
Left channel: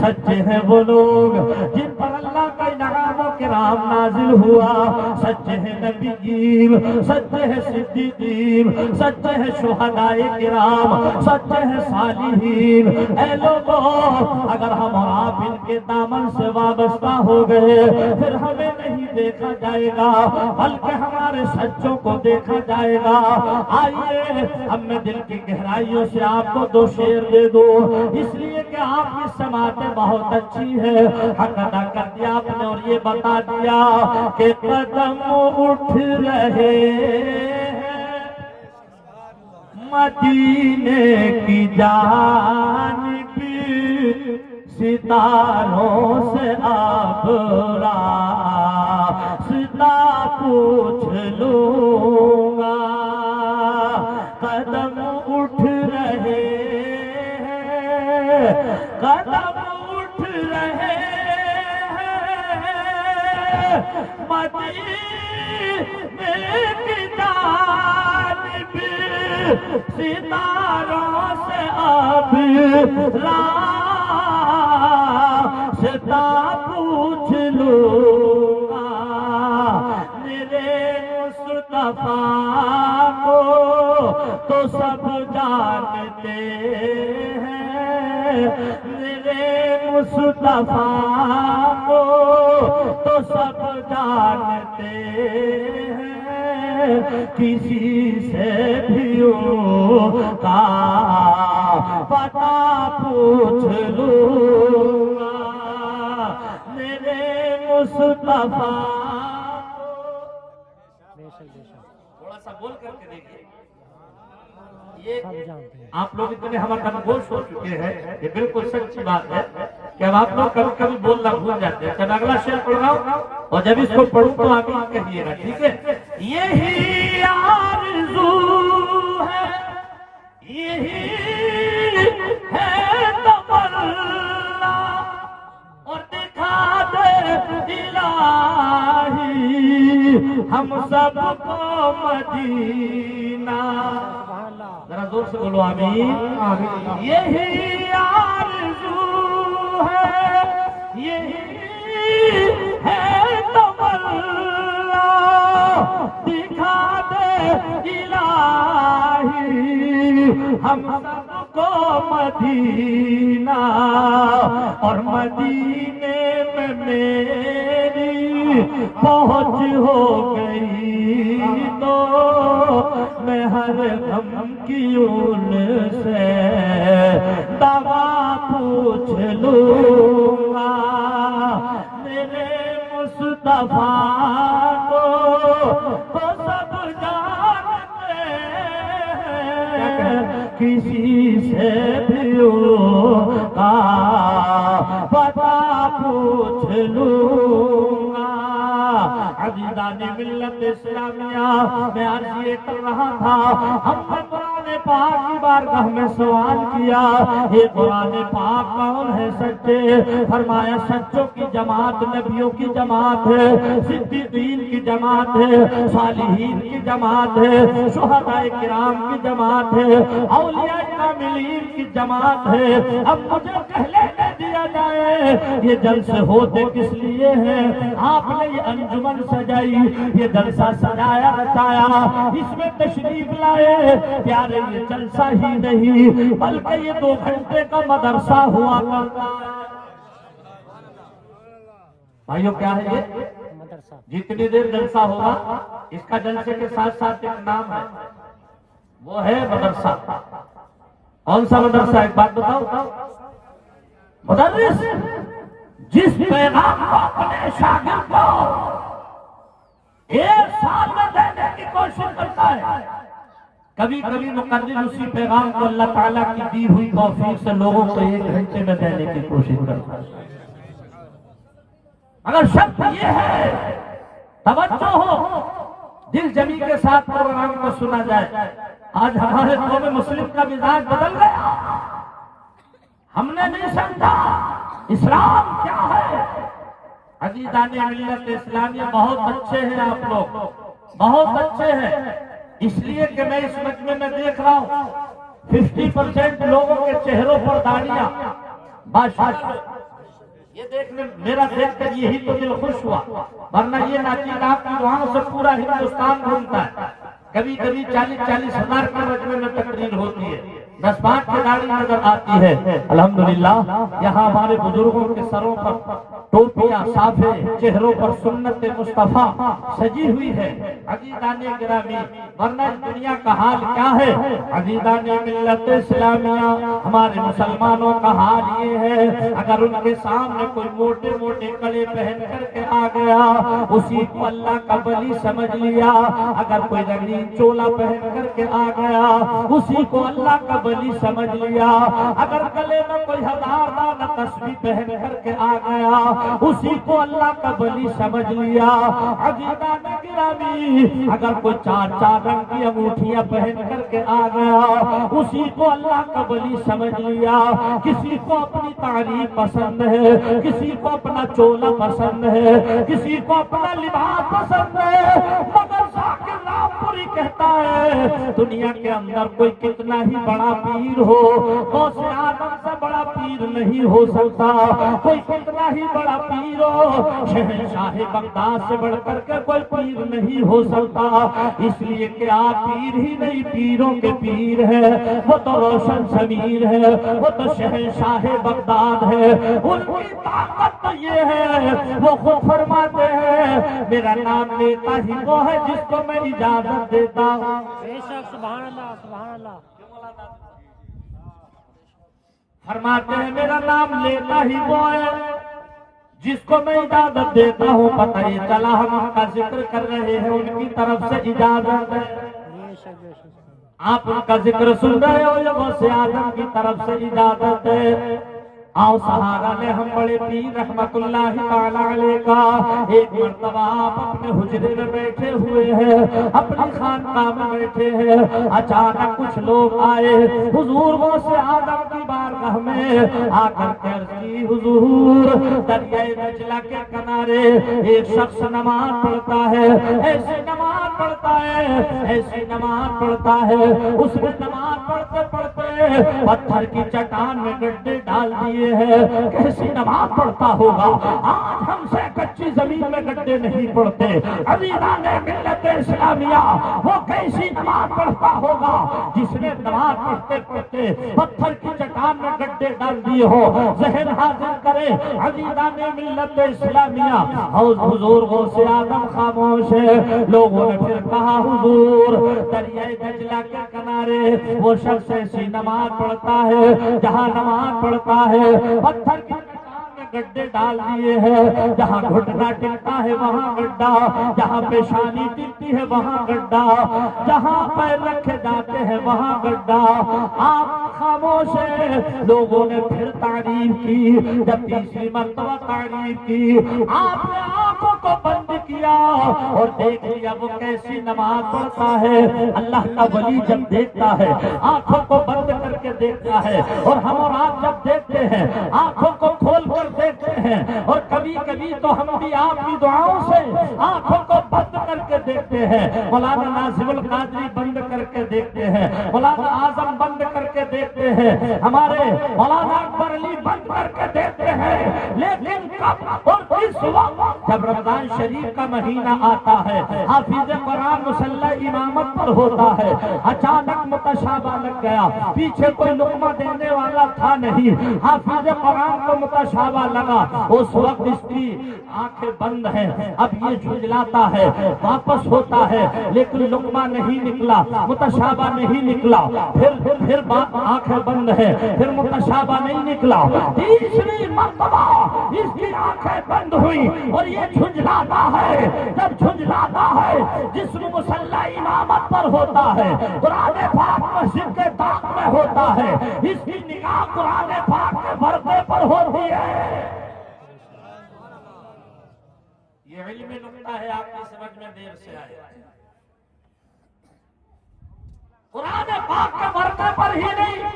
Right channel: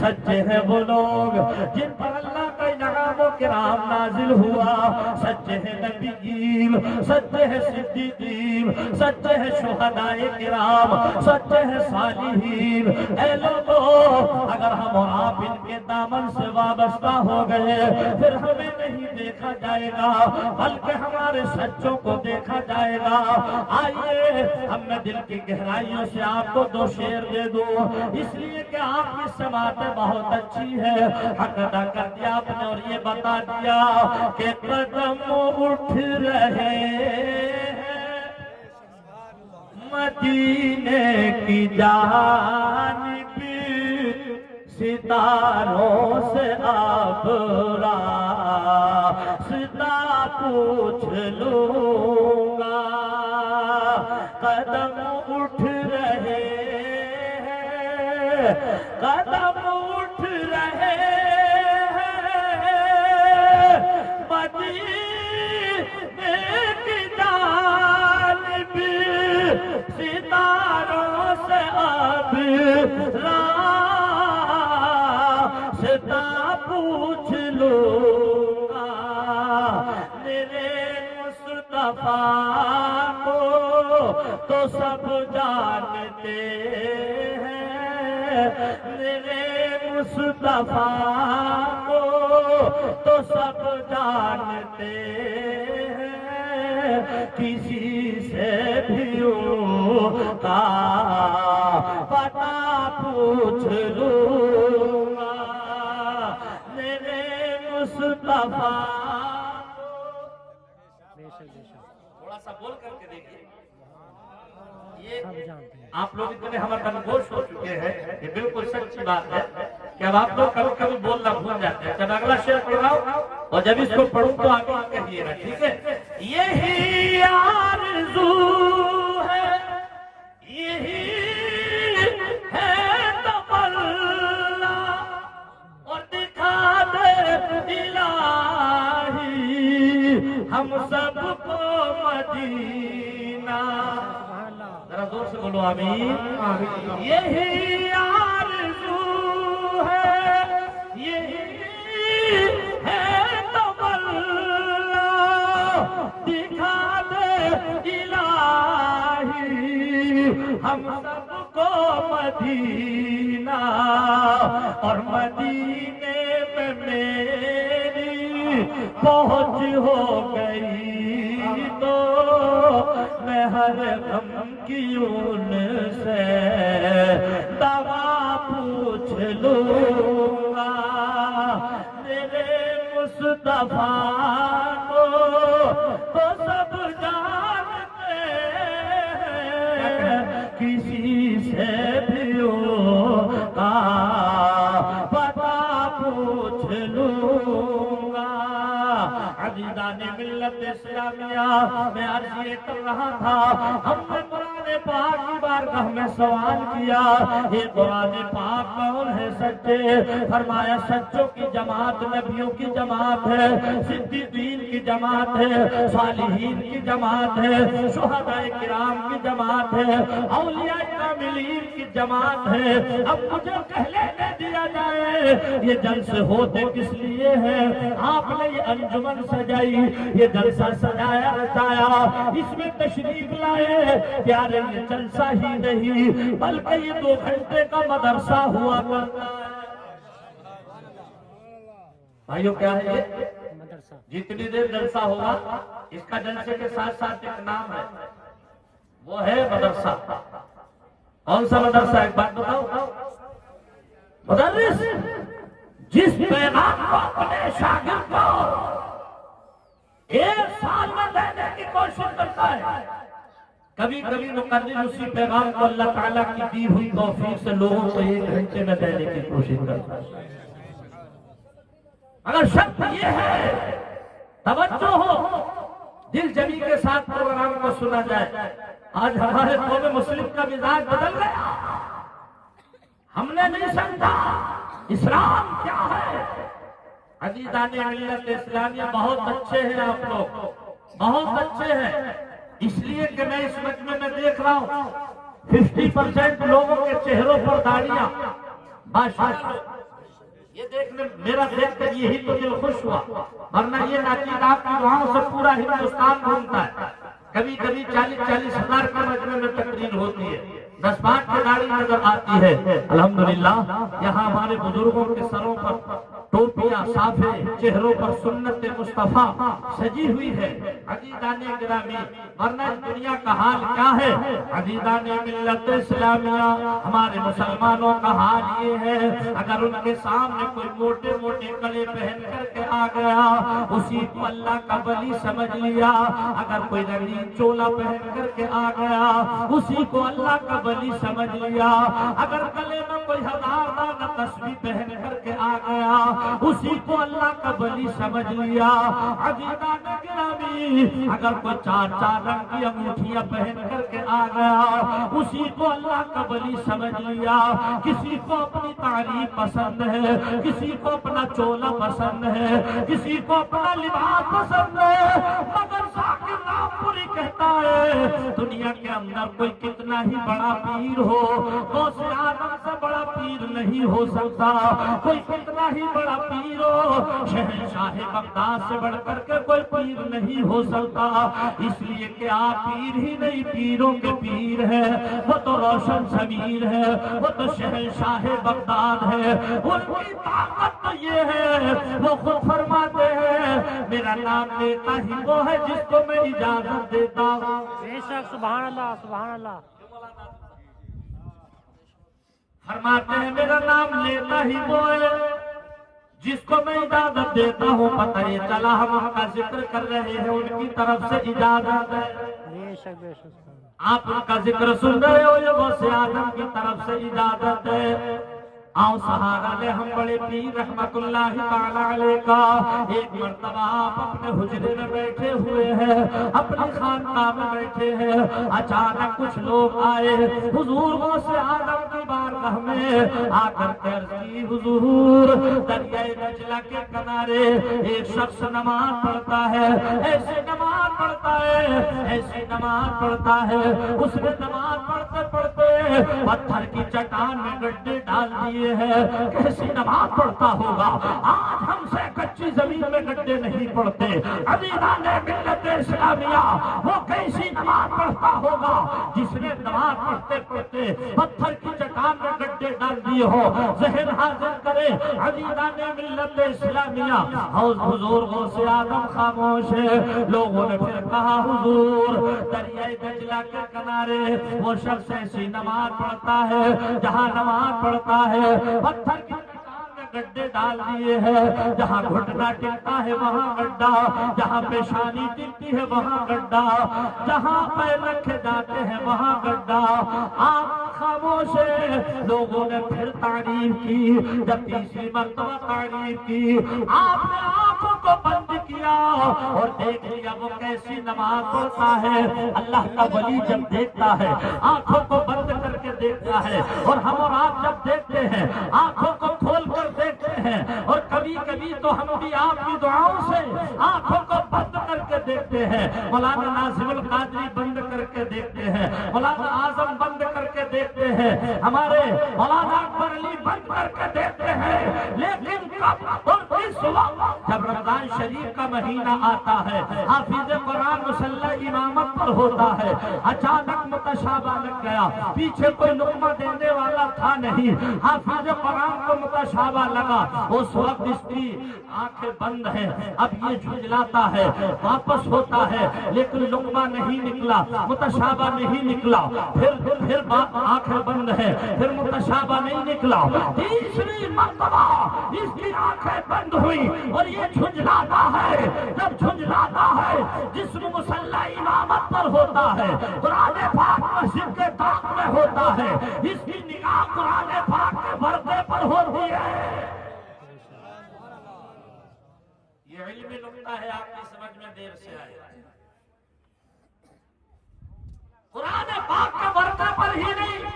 سچے ہیں وہ لوگ جن پر اللہ کا انعام و کرام نازل ہوا، سچے ہیں نبیین، سچے ہیں صدیقین، سچے ہیں شہداء کرام، سچے ہیں صالحین۔ اے لوگوں اگر ہم اور آپ ان کے دامن سے وابستہ ہو گئے پھر ہمیں نہیں دیکھا جائے گا بلکہ ہمارے سچوں کو دیکھا جائے گا۔ آئیے ہم نے دل کی گہرائیوں سے آپ کو دو شعر دے دو، اس لیے کہ آپ کی سماعتیں بہت اچھی ہے، حق ادا کر دیا آپ نے اور یہ بتا دیا کہ قدم اٹھ رہے ہیں مدینے کی جانب، ستاروں سے ابرا سدا پوچھ لوں گا، قدم اٹھ رہے ہیں، قدم اٹھ رہے ہیں مدینے کی جانب، ستاروں سے ابرا سدا پوچھ لوں گا، میرے مصطفیٰ کو تو سب جانتے ہیں، میرے مصطفیٰ کو تو سب جانتے ہیں، کسی سے بھی ان کا پتہ پوچھ لوں گا، میرے مصطفیٰ کو۔ تھوڑا سا بول کر کے دیکھیے، یہ آپ لوگ اتنے ہمارا گوش ہو چکے ہیں، یہ بالکل سچی بات ہے کہ اب آپ لوگ کبھی کبھی بولنا بھول جاتے ہیں۔ جب اگلا شعر پڑھ رہا ہوں اور جب اس کو پڑھوں تو آمین کہیے گا، ٹھیک ہے؟ یہی آرزو ہے، یہی ہے تمنا، اور دکھا دے الہی ہم سب کو مدینہ۔ ذرا زور سے بولو آمین۔ یہی آرزو ہے، یہی ہے تمنا، دکھا دے الہی ہم سب کو مدینہ، اور مدینے میں میری پہنچ ہو گئی تو میں ہر غم کی ان سے دوا پوچھ لوں گا میرے مصطفیٰ کو تو سب جانتے ہیں کسی سے بھی ان کا پتہ پوچھ لوں گا عزیزان ملت اسلامیہ میں عرض یہ کر رہا تھا ہم نے قرآن پاک کی بارگاہ میں سوال کیا یہ قرآن پاک کون ہے سچے فرمایا سچوں کی جماعت نبیوں کی جماعت ہے صدیقین کی جماعت ہے صالحین کی جماعت ہے شہداء کرام کی جماعت ہے اولیاء کاملین کی جماعت ہے اب مجھے پہلے دے دیا جائے یہ جلسے ہوتے کس لیے ہیں آپ نے یہ انجمن سجائی یہ جلسہ سجایا رچایا اس میں تشریف لائے پیارے یہ جلسہ ہی نہیں بلکہ یہ 2 گھنٹے کا مدرسہ ہوا کرتا ہے بھائیو کیا ہے یہ جتنی دیر جلسہ ہوگا اس کا جلسے کے ساتھ ساتھ ایک نام ہے وہ ہے مدرسہ کون سا مدرسہ ایک بات بتاؤ مدرس جس پیغام کو اپنے شاگرد کو 1 سال میں دینے کی کوشش کرتا ہے کبھی کبھی مقرر اسی پیغام کو اللہ تعالیٰ کی دی ہوئی توفیق سے لوگوں کو 1 گھنٹے میں دینے کی کوشش کرتا ہے اگر شرط یہ ہے توجہ ہو دل جمی کے ساتھ پروگرام کو سنا جائے آج ہمارے قوم مسلم کا مزاج بدل گیا ہم نے نہیں سمجھا اسلام کیا ہے عزیزان ملت اسلامیہ بہت اچھے ہیں آپ لوگ بہت اچھے ہیں اس لیے کہ میں اس مجمع میں دیکھ رہا ہوں 50% لوگوں کے چہروں پر داڑیاں یہ دیکھنے میرا دیکھ کر یہی تو دل خوش ہوا ورنہ یہ ناچیز آپ کی دعاؤں سے پورا ہندوستان گھومتا ہے کبھی کبھی 40-40 ہزار کے مجمع میں تقریر ہوتی ہے 10-5 کی داڑھی نظر آتی ہے الحمدللہ یہاں ہمارے بزرگوں کے سروں پر ٹوپیاں صافے چہروں پر سنت مصطفیٰ سجی ہوئی ہے عزیزان گرامی ورنہ دنیا کا حال کیا ہے عزیزان ملت اسلامیہ ہمارے مسلمانوں کا حال یہ ہے اگر ان کے سامنے کوئی موٹے موٹے کڑے پہن کر کے آ گیا اسی کو اللہ کا ولی سمجھ لیا اگر کوئی رنگین چولا پہن کر کے آ گیا اسی کو اللہ کا ولی سمجھ لیا اگر گلے میں کوئی 1000 دانہ تسبیح پہن کر کے آ گیا اسی کو اللہ کا ولی سمجھ لیا عزیزان گرامی اگر کوئی 4 رنگ کی انگوٹھیاں پہن کر کے آ گیا اسی کو اللہ کا ولی سمجھ لیا کسی کو اپنی تعریف پسند ہے کسی کو اپنا چولا پسند ہے کسی کو اپنا لباس پسند ہے مگر ذاکر رامپوری کہتا ہے دنیا کے اندر کوئی کتنا ہی بڑا پیر ہو غوث اعظم سے بڑا پیر نہیں ہو سکتا کوئی کتنا ہی بڑا پیر ہو شہنشاہ بغداد سے بڑھ کر کے کوئی پیر نہیں ہو سکتا اس لیے کہ آپ پیر ہی نہیں پیروں کے پیر ہے وہ تو روشن ضمیر ہے وہ تو شہنشاہ بغداد ہے ان کی طاقت تو یہ ہے وہ خود فرماتے ہیں میرا نام لیتا ہی وہ ہے جس کو میں اجازت دیتا ہوں بے شک سبحان اللہ سبحان اللہ فرماتے ہیں میرا نام لیتا ہی وہ ہے جس کو میں اجازت دیتا ہوں پتہ یہ چلا ہم ان کا ذکر کر رہے ہیں ان کی طرف سے اجازت ہے بے شک بے شک آپ ان کا ذکر سن رہے ہو یہ غوث اعظم کی طرف سے اجازت ہے آؤ سہارا لے ہم بڑے پیر رحمت اللہ تعالی علیہ کا ایک مرتبہ آپ اپنے حجرے میں بیٹھے ہوئے ہیں اپنی خانقاہ میں بیٹھے ہیں اچانک کچھ لوگ آئے حضور غوث اعظم کی بارگاہ میں آ کر کے عرض کی حضور دریائے دجلہ کے کنارے ایک شخص نماز پڑھتا ہے ایسے نماز پڑھتا ہے ایسے نماز پڑھتا ہے اس نے نماز پڑھتے پڑھتے پتھر کی چٹان میں گڈھے ڈال دیے کیسی نماز پڑھتا ہوگا آج ہم سے کچی زمین میں گڈھے نہیں پڑھتے عزیزان ملت اسلامیہ وہ کیسی نماز پڑھتا ہوگا جس نے نماز پڑھتے پڑھتے پتھر کی کان میں گڈھے ڈال دیے ہو. ذہن حاضر کرے عزیزان ملت اسلامیہ. حضور غوث اعظم خاموش ہے. لوگوں نے پھر کہا حضور دریائے دجلہ کے کنارے وہ شخص ایسی نماز پڑھتا ہے جہاں نماز پڑھتا ہے پتھر کی گڈھے ڈال دیے ہیں. جہاں گھٹنا ٹکتا ہے وہاں گڈھا, جہاں پیشانی ٹکتی ہے وہاں گڈھا, جہاں پیر رکھے جاتے ہیں وہاں گڈھا. آپ خاموش ہیں. لوگوں نے پھر تعریف کی. جب تیسری مرتبہ تعریف کی آپ نے آنکھوں کو بند کیا اور دیکھ لیا وہ کیسی نماز پڑھتا ہے. اللہ کا ولی جب دیکھتا ہے آنکھوں کو بند کر کے دیکھتا ہے, اور ہم اور آپ جب دیکھتے ہیں آنکھوں کو کھول کر دیکھتے ہیں, اور کبھی کبھی تو ہم بھی آپ کی دعاؤں سے آنکھوں کو بند کر کے دیکھتے ہیں. مولانا ناظم القادری بند کر کے دیکھتے ہیں, مولانا اعظم بند کر کے دیکھتے ہیں, ہمارے مولانا اکبر علی بند کر کے دیکھتے ہیں. لیکن کب اور کس وقت جب رمضان شریف کا مہینہ آتا ہے, حافظ قرآن مصلی امامت پر ہوتا ہے, اچانک متشابہ لگ گیا, پیچھے کوئی لقمہ دینے والا تھا نہیں, حافظ قرآن کو متشابہ لگا. اس وقت اس کی آنکھیں بند ہیں, اب یہ جھنجلاتا ہے, واپس ہوتا ہے, لیکن لقمہ نہیں نکلا, متشابہ نہیں نکلا. پھر آنکھیں بند ہے, پھر متشابہ نہیں نکلا. تیسری مرتبہ اس کی آنکھیں بند ہوئی اور یہ جھنجلاتا ہے. جب جھنجلاتا ہے جسم مصلی امامت پر ہوتا ہے, قرآن پاک مسجد کے طاق میں ہوتا ہے, اس کی نگاہ قرآن پاک کے ورقے پر ہوتی ہے. یہ علمی نقطہ ہے, آپ کی سمجھ میں دیر سے آئے. قرآن پاک کے ورقے پر ہی نہیں,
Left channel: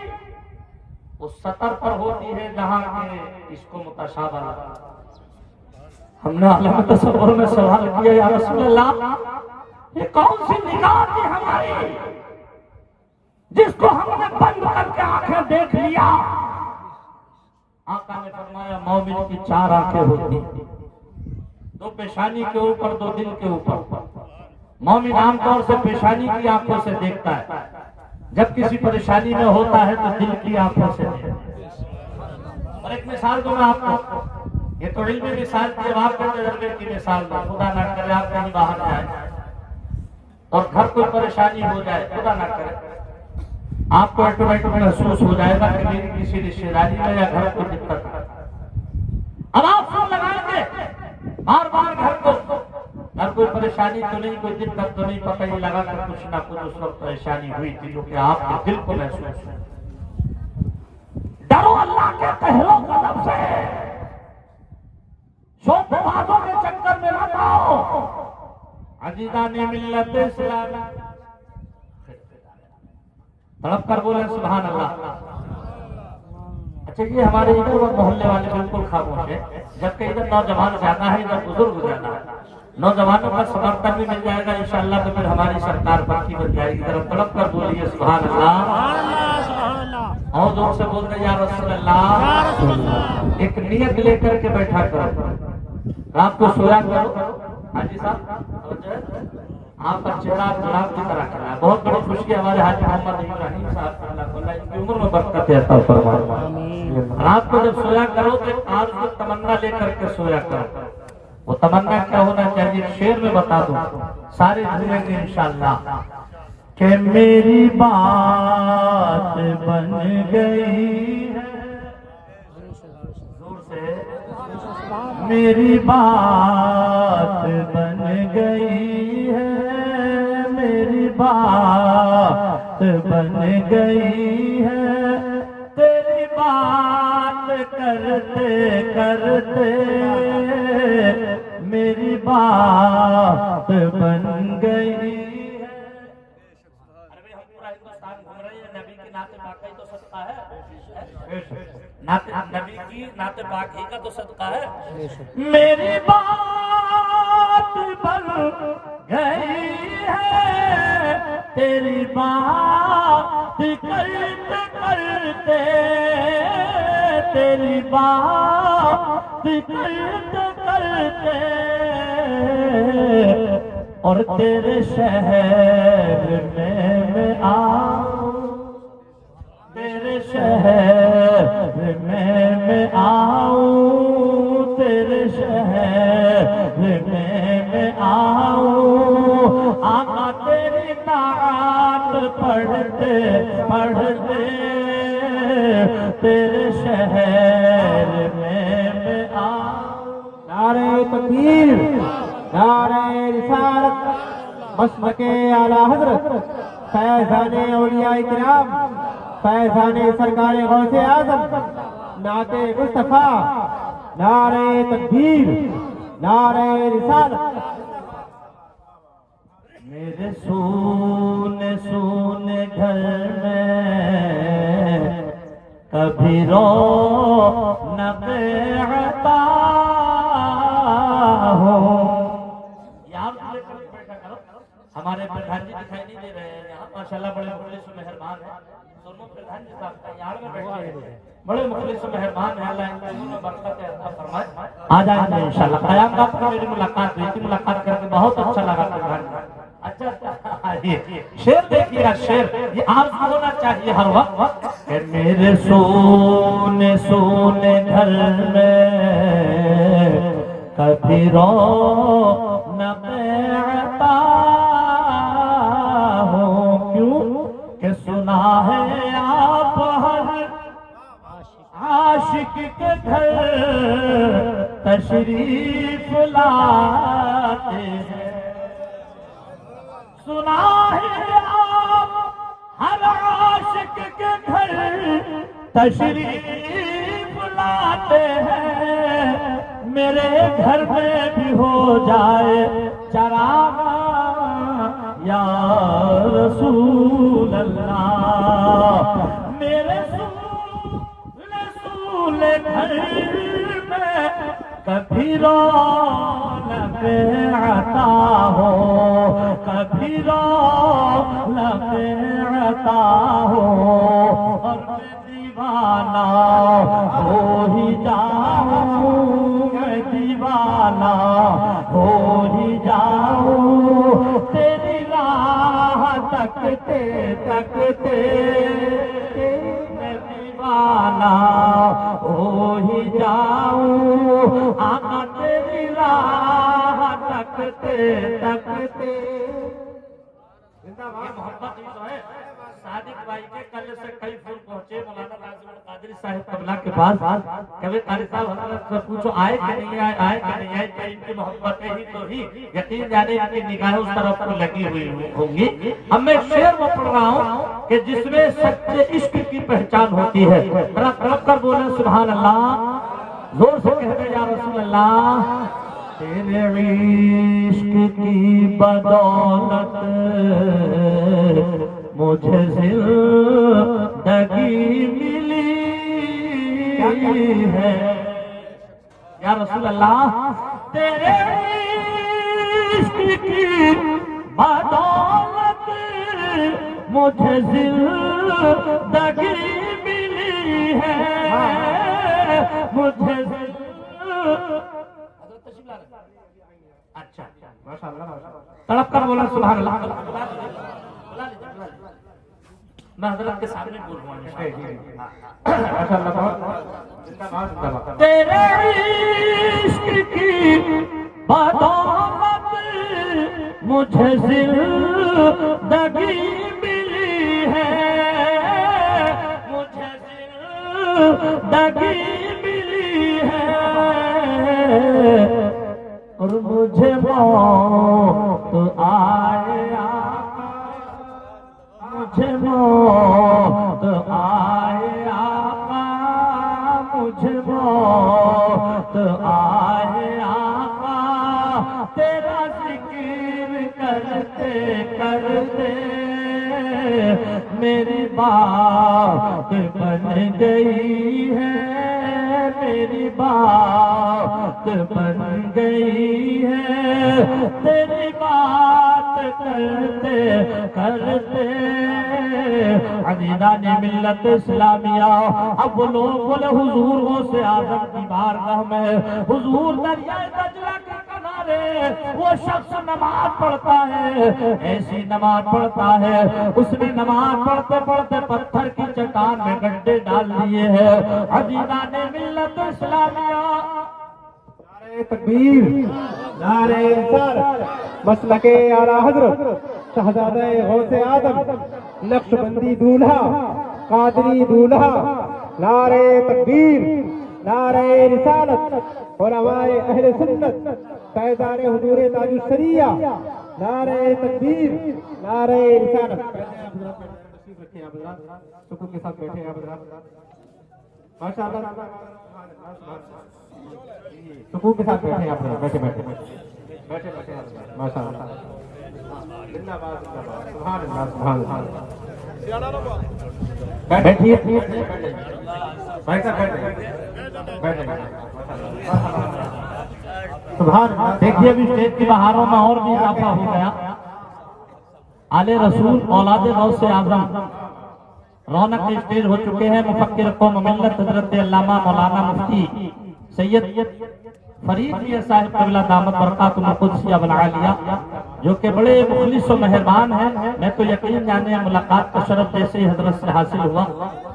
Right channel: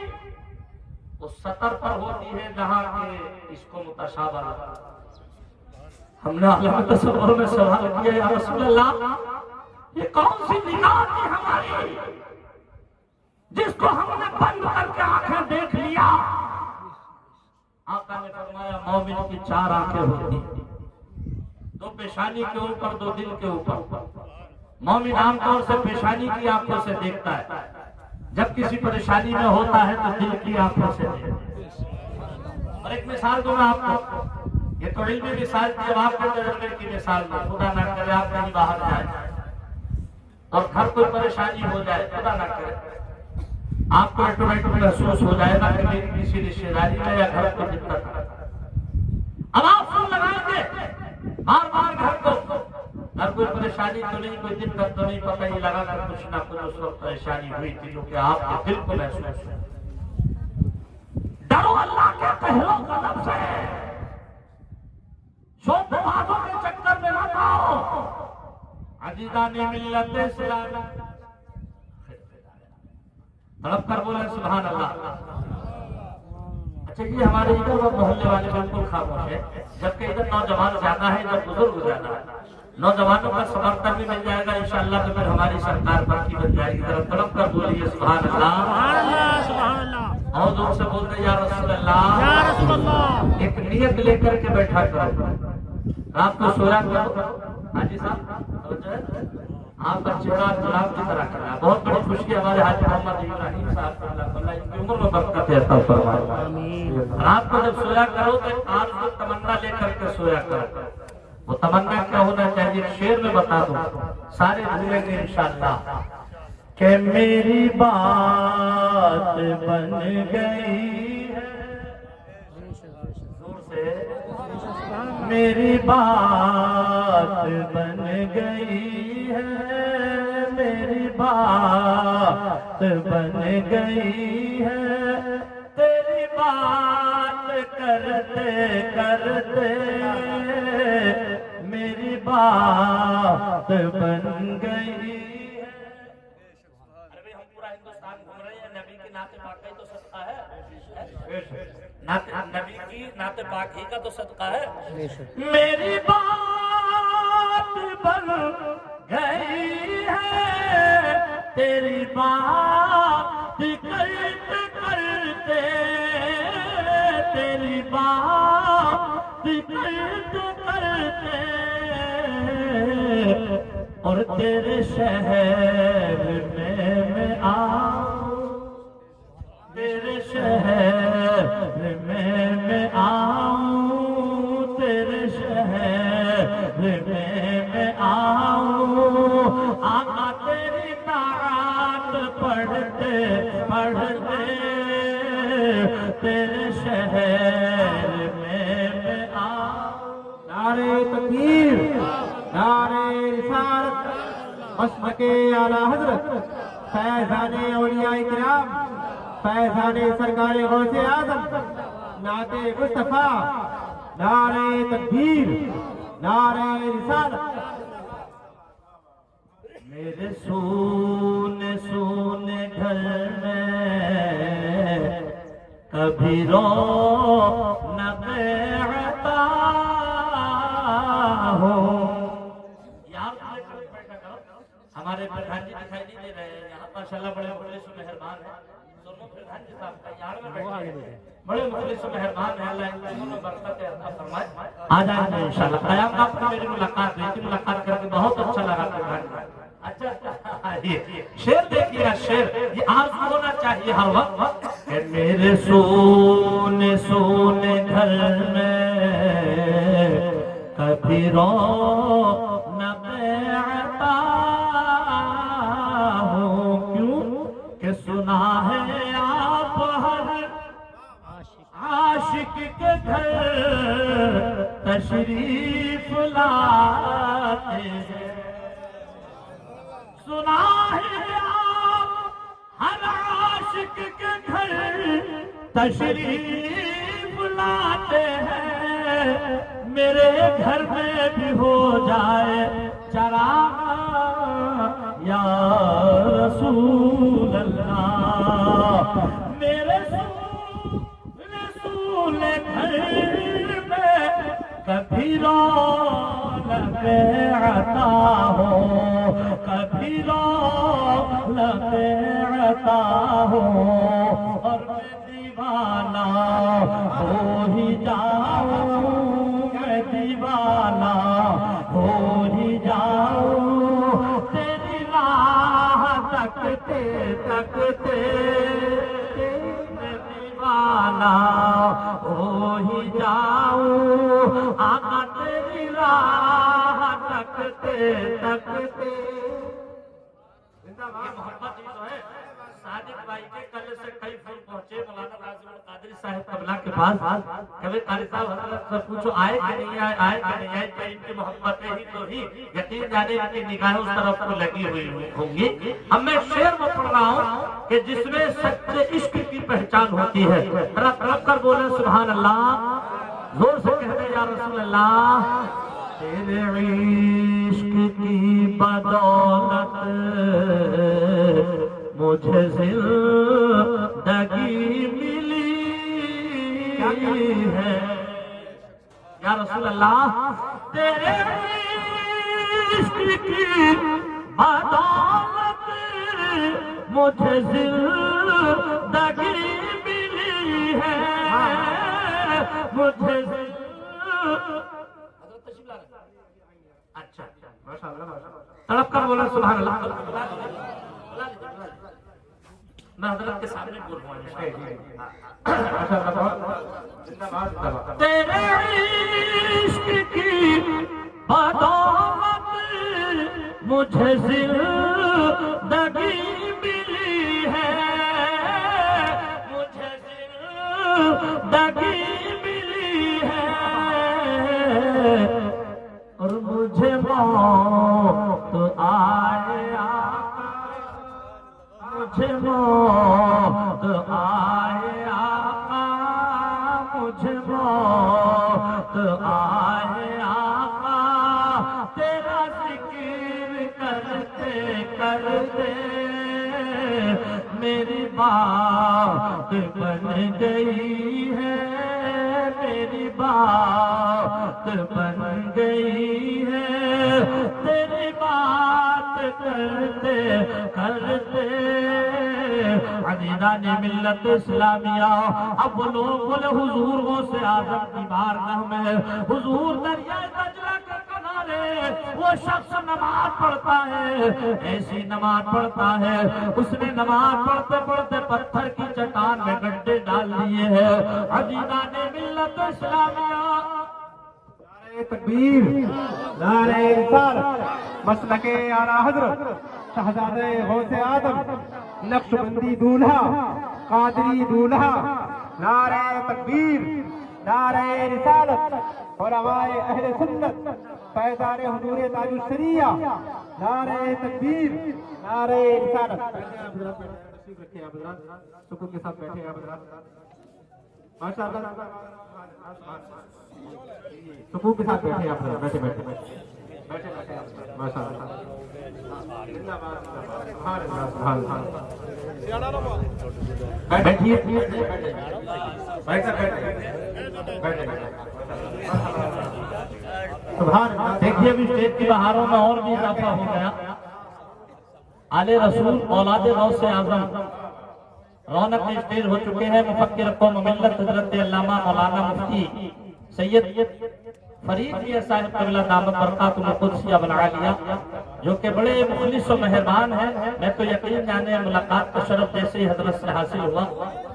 اس سطر پر ہوتی ہے جہاں کہ اس کو متشابہ لگا. ہم نے عالم تصور میں سوال کیا, یا رسول اللہ یہ کون سی نگاہ تھی ہماری جس کو ہم نے بند کر کے آنکھیں دیکھ لیا؟ آقا نے فرمایا مومن کی 4 آنکھیں ہوتی ہیں, 2 پیشانی کے اوپر 2 دل کے اوپر. مومن عام طور سے پیشانی کی آنکھوں سے دیکھتا ہے, جب کسی پریشانی میں ہوتا ہے تو دل کی آنکھوں سے دیکھتا ہے. اور ایک مثال دوں میں آپ کو, یہ تو علمی مثال تھی, اب آپ کے تجربے کی مثال دوں. خدا نہ کرے آپ کہیں باہر جائیں اور گھر کوئی پریشانی ہو جائے, خدا نہ کرے, آپ کو آٹومیٹک محسوس ہو جائے گا کہ میری کسی رشتے داری میں یا گھر کو دقت ہے. اب آپ فون لگائیں گے بار بار گھر کو, گھر کوئی پریشانی تو نہیں, کوئی دقت تو نہیں, پتہ ہی لگا کہ کچھ نہ کچھ اس وقت پریشانی ہوئی تھی جو کہ آپ کے دل کو محسوس ہے. ڈرو اللہ کے پہلو قدم سے, شوق بازوں کے چکر میں نہ جاؤ. عزیزان ملت اسلامی تڑپ کر بولے سبحان اللہ. اچھا یہ ہمارے ادھر وہ محلے والے بالکل خاموش ہے, جبکہ ادھر نوجوان زیادہ ہے, ادھر بزرگ زیادہ ہے. نوجوانوں کا سمرتھن بھی مل جائے گا انشاءاللہ, تو پھر ہماری سرکار باقی بن جائے گی. ذرا تڑپ کر بولیے سبحان اللہ. سبحان اللہ سبحان اللہ. اور زور سے بولتے یا رسول اللہ. یا رسول اللہ. ایک نیت لے کر کے بیٹھا کرو, رات کو سویا کرو. حاجی صاحب آپ کا چہرہ گلاب کی طرح کرنا ہے. بہت بڑی خوشی ہمارے حاجی محمد ابراہیم صاحب کو اللہ ان کی عمر میں برکت عطا فرمائے. رات کو جب سویا کرو تو آج کو تمنا لے کر کے سویا کرو. وہ تمنا کیا ہونا چاہیے, شعر میں بتا دوں, سارے بھولیں گے انشاءاللہ. کہ میری بات بن گئی ہے, زور سے, میری بات بن گئی ہے, میری بات بن گئی ہے, تیری بات کرتے کرتے میری بات بن گئی ہے. ارے بھائی ہم پورا ہندوستان گھوم رہے ہیں, نبی کی نعت پاک تو صدقہ ہے, نبی کی نعت پاک ہی کا تو صدقہ ہے. میری بات بن گئی ہے, تیری بات کرتے کرتے, تیری بات کرتے کرتے, اور تیرے شہر میں آؤں, تیرے شہر میں آؤں، تیرے شہر میں آؤں، آقا تیری نعت پڑھتے پڑھتے تیرے شہر میں آؤں۔ نعرہ تکبیر، نعرہ رسالت، مسلک اعلی حضرت فیضان اولیاء کرام، فیضان سرکار غوث اعظم، نعت مصطفیٰ، نعرہ تکبیر، نعرہ رسالت۔ میرے سونے سونے گھر میں کبھی رونق عطا ہو۔ ہمارے پردھان جی دکھائی نہیں دے رہے ہیں یہاں، ماشاءاللہ بڑے مخلص و مہربان ہیں۔ دونوں پردھان جی صاحب یہاں میں بیٹھے ہیں، بڑے مخلص و مہربان ہیں، اللہ ان کو برکت عطا فرمائے۔ آ جائیں گے انشاءاللہ۔ قیام آپ کا میری ملاقات ہوئی تھی، ملاقات کر کے بہت اچھا لگا پردھان جی۔ اچھا شعر دیکھیے گا، شعر یہ آپ ہونا چاہیے ہر وقت کہ میرے سونے سونے گھر میں کبھی رونق عطا ہو، کیوں کہ سنا ہے آپ ہر عاشق کے گھر تشریف لاتے ہیں، سنا ہے آپ ہر عاشق کے گھر تشریف لاتے ہیں، میرے گھر میں بھی ہو جائے چراغ یا رسول اللہ، میرے رسول گھر میں کبھی رونق عطا ہو، کبھی رونق عطا ہو، اور میں دیوانہ ہو ہی جاؤں، میں دیوانہ ہو ہی جاؤں، تیری راہ تکتے تکتے میں دیوانہ ہو ہی جاؤں، آقا تیری راہ تکتے تکتے۔ یہ محبت ہی تو ہے۔ صادق بھائی کے کل سے کئی پھول پہنچے مولانا ناظم القادری صاحب قبلہ کے پاس، کبھی قاری صاحب حضرت سے پوچھو آئے کہ نہیں آئے، آئے کہ نہیں آئے، کہ ان کی محبتیں ہی تو ہی یقین جانے ان کی نگاہیں اس طرف کو لگی ہوئی ہوں گی۔ اب میں شعر وہ پڑھ رہا ہوں کہ جس میں سچے عشق کی پہچان ہوتی ہے، ذرا تڑپ کر بولیں سبحان اللہ، زور سے کہہ دیں یا رسول اللہ۔ تیرے عشق کی بدولت مجھے زندگی ملی ہے یا رسول اللہ، تیرے عشق کی بدولت مجھے زندگی ملی ہے، مجھے اچھا تڑپ کر بولا سبحان اللہ۔ میں حضرت کے سامنے بول رہا ہوں، تیرے عشق کی بدولت مجھے زندگی ملی ہے، مجھے زندگی ملی ہے، اور مجھے موت آئے آقا، مجھے موت آئے آقا، مجھے موت آئے آقا، تیرا ذکر کرتے کرتے میری بات بن گئی ہے، میری بات بن گئی ہے، تیری بات کرتے کرتے عزیزان ملت اسلامیہ۔ اب وہ لوگ بولے حضور غوث اعظم کی بارگاہ میں، حضور دریائے دجلہ کے کنارے کنارے وہ شخص نماز پڑھتا ہے، ایسی نماز پڑھتا ہے اس نے نماز پڑھتے پڑھتے پتھر کی چٹان میں گڈھے ڈال دیے ہیں۔ عزیزان ملت اسلامیہ، نعرہ تکبیر، نعرہ رسالت، مسلک اعلیٰ حضرت شہزادہ غوث اعظم نقش بندی دولہا قادری دولہا، نعرہ تکبیر، نعرہ رسالت، علماء اہل سنت، فیضان حضور تاج الشریعہ، نعرہ تکبیر، نعرہ رسالت۔ تشریف رکھیں آپ حضرات، سکون کے ساتھ بیٹھے آپ حضرات، ماشاء اللہ، سکون کے ساتھ بیٹھے آپ حضرات، بیٹھے بیٹھے بیٹھے بیٹھے ماشاء اللہ، زندہ باد زندہ باد، سبحان اللہ سبحان اللہ۔ بیٹھیے سبحان اللہ۔ دیکھیے ابھی اسٹیج کی بہاروں میں اور بھی اضافہ ہو گیا۔ آل رسول اولاد غوث اعظم رونق اسٹیج ہو چکے ہیں۔ مفکر قوم ملت حضرت علامہ مولانا مفتی سید فرید میاں صاحب قبلہ دامت برکاتہ القدسیہ والعالیہ، جو کہ بڑے مخلص و مہربان ہیں۔ میں تو یقین جانے ملاقات کا شرف جیسے ہی حضرت سے حاصل ہوا،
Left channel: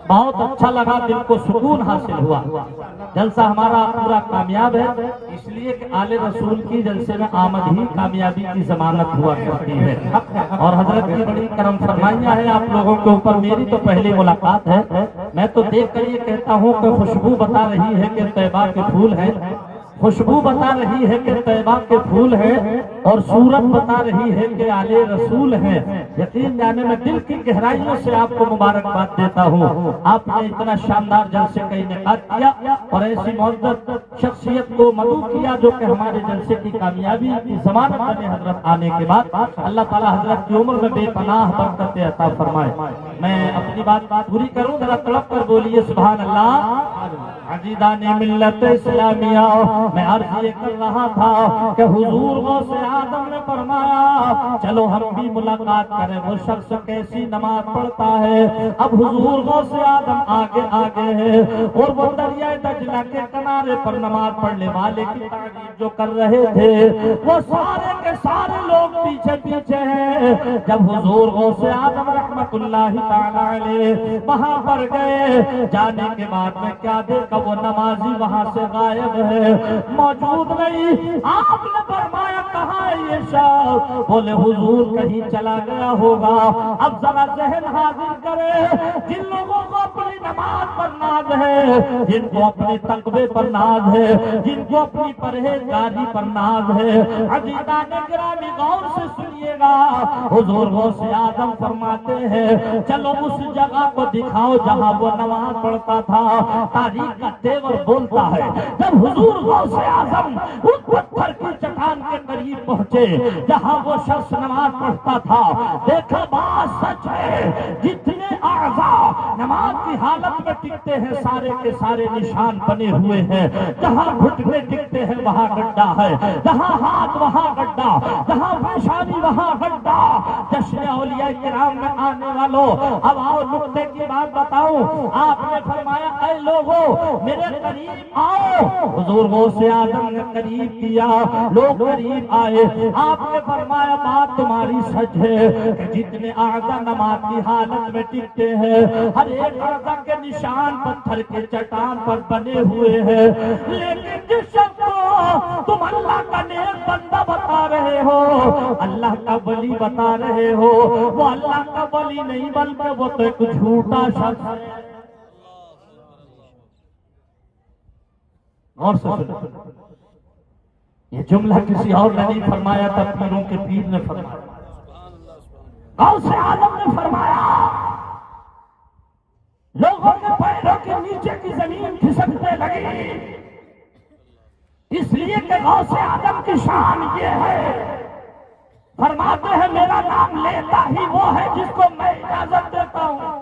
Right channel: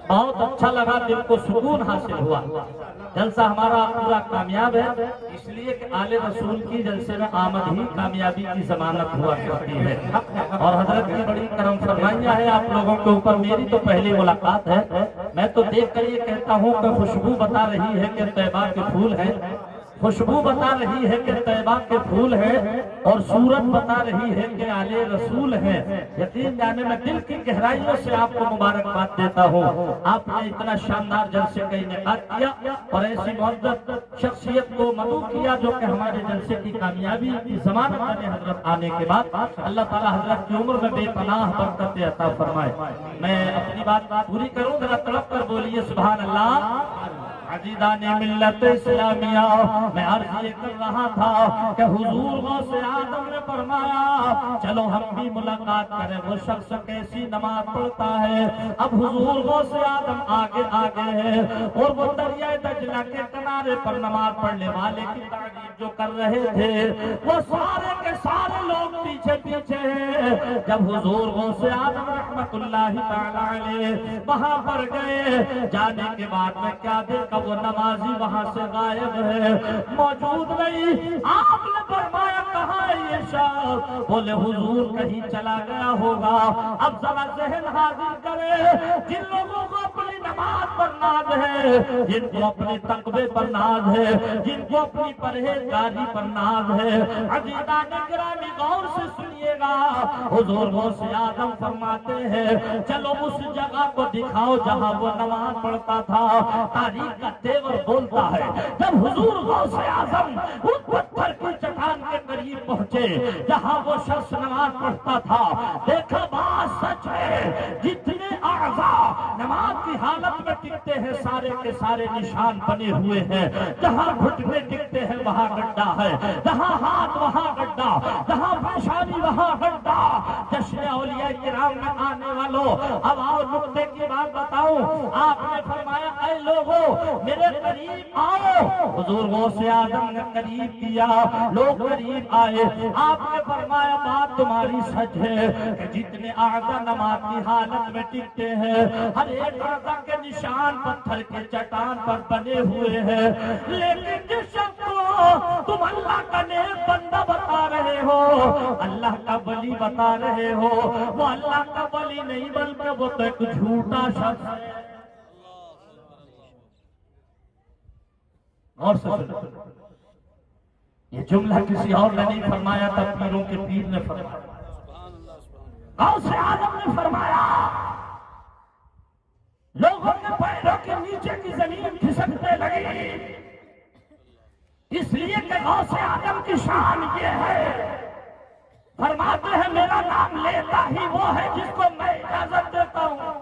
بہت اچھا لگا، دل کو سکون حاصل ہوا۔ جلسہ ہمارا پورا کامیاب ہے، اس لیے کہ آل رسول کی جلسے میں آمد ہی کامیابی کی ضمانت ہوا کرتی ہے، اور حضرت کی بڑی کرم فرمائیاں ہیں آپ لوگوں کے اوپر۔ میری تو پہلی ملاقات ہے، میں تو دیکھ کر یہ کہتا ہوں کہ خوشبو بتا رہی ہے کہ طیبہ کے پھول ہیں، خوشبو بتا رہی ہے کہ طیبہ کے پھول ہیں، اور صورت بتا رہی ہے کہ آل رسول ہے۔ یقین جانے میں دل کی گہرائیوں سے آپ کو مبارکباد دیتا ہوں، آپ نے اتنا شاندار جلسے کا انعقاد کیا اور ایسی معزز شخصیت کو مدعو کیا جو کہ ہمارے جلسے کی کامیابی کی ضمانت بنے۔ حضرت آنے کے بعد اللہ تعالی حضرت کی عمر میں بے پناہ برکت عطا فرمائے۔ میں اپنی بات پوری کروں، ذرا تڑپ کر بولیے سبحان اللہ۔ عزیزان ملت اسلامیہ، میں عرض یہ کر رہا تھا کہ حضور غوث اعظم نے فرمایا چلو ہم بھی ملاقات کریں وہ شخص کیسی نماز پڑھتا ہے۔ اب حضور غوث اعظم آگے آگے ہے، اور وہ دریائے دجلہ کے کنارے پر نماز پڑھنے والے کی تعریف جو کر رہے تھے وہ سارے کے سارے لوگ پیچھے پیچھے ہیں۔ جب حضور غوث اعظم رحمت اللہ تعالی علیہ وہاں پر گئے، جانے کے بعد میں کیا دیکھا، وہ نمازی وہاں سے غائب ہے، موجود نہیں۔ آپ نے فرمایا کہاں ہے یہ شخص؟ بولے حضور کہیں چلا گیا ہوگا۔ اب ذرا ذہن حاضر کرے، جن لوگوں کو اپنی نماز پر ناز ہے، جن کو اپنے تقوی پر ناز ہے، جن کو اپنی پرہیزگاری پر ناز ہے، عزیزان گرامی غور سے سنیے گا۔ حضور غوث اعظم فرماتے ہیں چلو اس جگہ کو دکھاؤ جہاں وہ نماز پڑھتا تھا۔ تاریخ کا تیور بولتا ہے جب حضور غوث اعظم اس پتھر کی چٹان کے قریب پہنچے جہاں وہ شخص نماز پڑھتا تھا، دیکھا بات سچ ہے، جتنے اعضاء نماز کی حالت میں ٹکتے ہیں سارے کے سارے نشان بنے ہوئے ہیں۔ جہاں گھٹنے ٹکتے ہیں وہاں گڈھا ہے، جہاں ہاتھ وہاں گڈھا، جہاں پیشانی وہاں گڈھا۔ جشن اولیاء کرام میں آنے والوں، اب آؤ نقطے کی بات بتاؤں۔ آپ نے فرمایا اے لوگوں میرے قریب آؤ۔ حضور غوث اعظم نے قریب کیا، لوگ قریب آئے۔ آپ نے فرمایا بات تمہاری سچ ہے کہ جتنے اعضاء نماز کی حالت میں ٹکتے ہیں ہر ایک اعضاء کے نشان پتھر کے چٹان پر بنے ہوئے ہیں، لیکن جس شخص کو تم اللہ کا نیک بندہ بتا رہے ہو، اللہ کا ولی بتا رہے ہو، وہ اللہ کا ولی نہیں بلکہ وہ تو ایک جھوٹا شخص ہے۔ اور یہ جملہ کسی اور نے نہیں فرمایا تھا، پیروں کے پیر نے فرمایا۔ غوث اعظم نے فرمایا لوگوں کے پیروں کے نیچے کی زمین کھسکنے لگی، اس لیے کہ غوث اعظم کی شان یہ ہے، فرماتے ہیں میرا نام لیتا ہی وہ ہے جس کو میں اجازت دیتا ہوں۔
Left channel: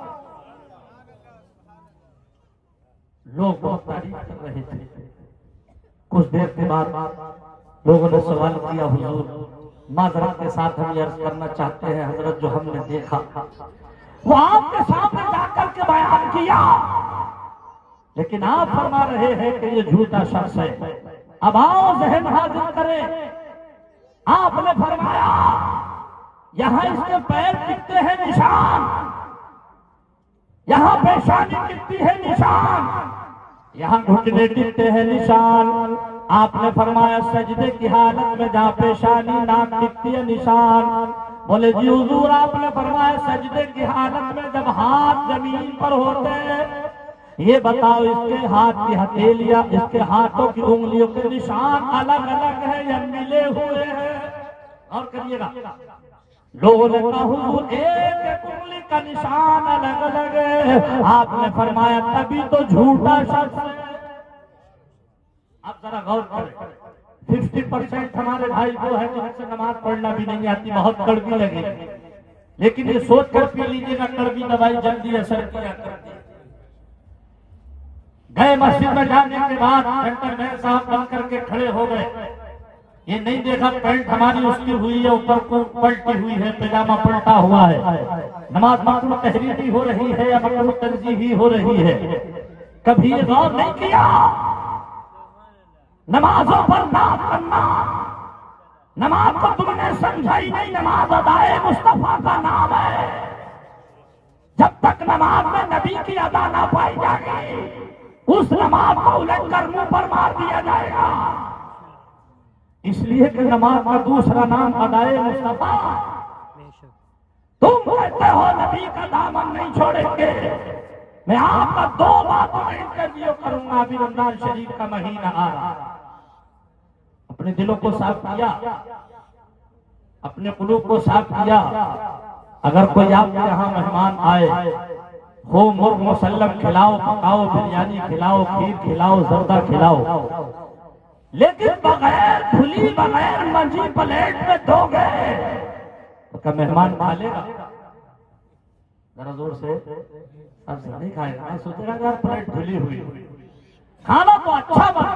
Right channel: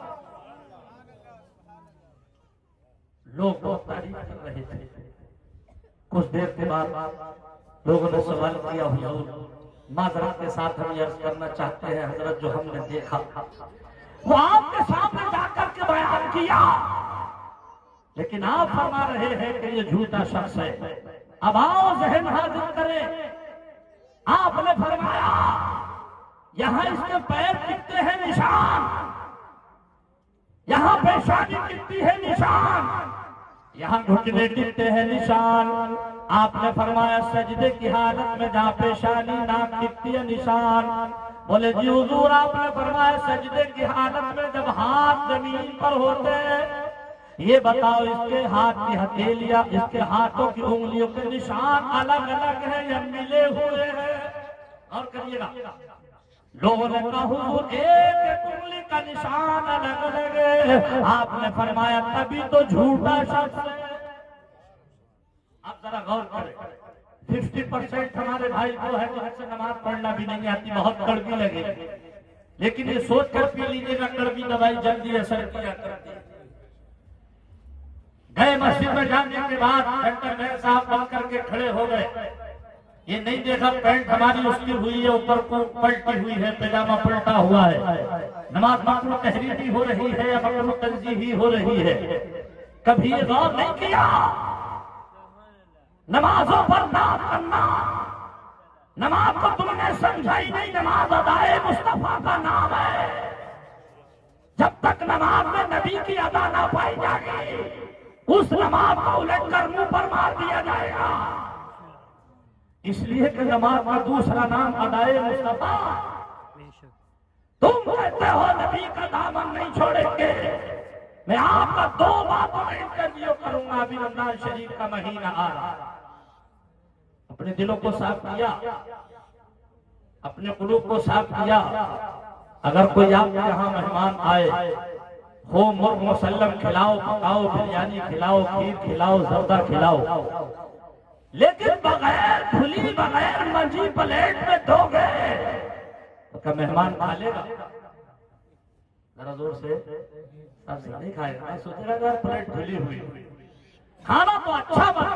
لوگ بہت تعریف کر رہے تھے۔ کچھ دیر کے بعد لوگوں نے سوال کیا حضور معذرت کے ساتھ ہم یہ عرض کرنا چاہتے ہیں حضرت جو ہم نے دیکھا وہ آپ کے سامنے جا کر کے بیان کیا، لیکن آپ فرما رہے ہیں کہ یہ جھوٹا شخص ہے۔ اب آؤ ذہن حاضر کریں، آپ نے فرمایا یہاں اس کے پیر دکھتے ہیں نشان، یہاں پیشانی دکھتی ہے نشان، یہاں گھٹنے دکھتے ہیں نشان۔ آپ نے فرمایا سجدے کی حالت میں جہاں پیشانی ناک دکھتی ہے نشان۔ بولے جی حضور آپ نے فرمایا سجدے کی حالت میں جب ہاتھ زمین پر ہوتے ہیں، یہ بتاؤ اس کے ہاتھ کی ہتھیلیاں، اس کے ہاتھوں کی انگلیوں کے نشان الگ الگ ہیں یا ملے ہوئے ہیں؟ اور کریے گا، لوگوں نے کہا حضور ایک ایک انگلی کا نشان الگ الگ ہے۔ آپ نے فرمایا تبھی تو جھوٹا شخص ہے۔ اب ذرا غور کریں، 50% ہمارے بھائی جو ہے جن سے نماز پڑھنا بھی نہیں آتی، بہت کڑوی لگے گی، لیکن یہ سوچ کر پی لیجیے گا کڑوی دوائی جلدی اثر کیا کرتی ہے۔ گئے مسجد میں جانے کے بعد سینٹر مین صاحب بن کر کے کھڑے ہو گئے، یہ نہیں دیکھا پینٹ ہماری اس کی ہوئی ہے، اوپر کو پلٹی ہوئی ہے، پیجامہ پلٹا ہوا ہے، نماز مکروہ تحریمی ہو رہی ہے یا مکروہ تنزیہی ہو رہی ہے، کبھی یہ غور نہیں کیا نمازوں پر ناز کرنا، نماز کو تم نے سمجھائی نہیں، نماز ادائے مصطفیٰ کا نام ہے، جب تک نماز میں نبی کی ادا نہ پائی جائے گی اس نماز کو الٹ کر منہ پر مار دیا جائے گا۔ اس لیے کہ نماز کا دوسرا نام ادائے مصطفیٰ۔ تم کہتے ہو نبی کا دامن نہیں چھوڑیں گے، میں آپ کا 2 باتوں میں انٹرویو کروں گا۔ ابھی رمضان شریف کا مہینہ آ رہا، اپنے دلوں کو صاف کیا، اپنے قلوب کو صاف کیا۔ اگر کوئی آپ کے یہاں مہمان آئے، ہو مرغ مسلم کھلاؤ، پکاؤ، بریانی کھلاؤ، کھیر کھلاؤ، زردہ کھلاؤ، لیکن بغیر دھلی، بغیر منجی پلیٹ میں دو گے تو کیا مہمان کھا لے گا؟ ذرا زور سے سب سے نہیں کھائے گا، سوچے گا یار پلیٹ دھلی ہوئی، کھانا تو اچھا بنا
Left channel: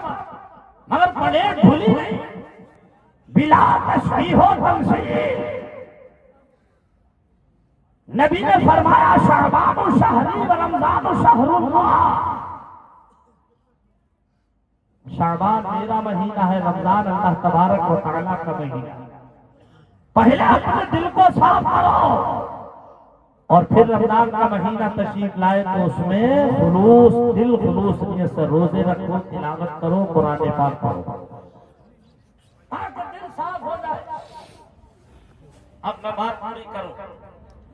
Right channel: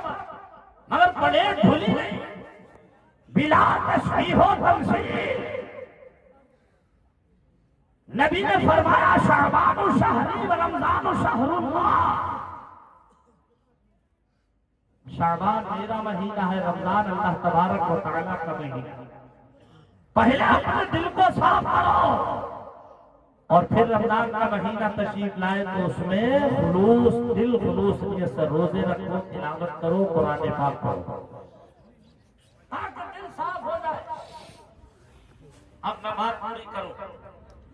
مگر پلیٹ دھلی نہیں، بلا تشبیہ و تمثیل۔ نبی نے فرمایا شعبان شہری و رمضان شہر اللہ، شعبان میرا مہینہ ہے، رمضان اللہ تبارک و تعالیٰ کا مہینہ ہے۔ پہلے اپنے دل کو صاف کرو اور پھر رمضان کا مہینہ تشریف لائے تو اس میں خلوص دل، خلوص نیت سے روزے رکھو، تلاوت کرو، قرآن پاک پڑھو، تاکہ دل صاف ہو جائے۔ اب میں بات پوری کروں،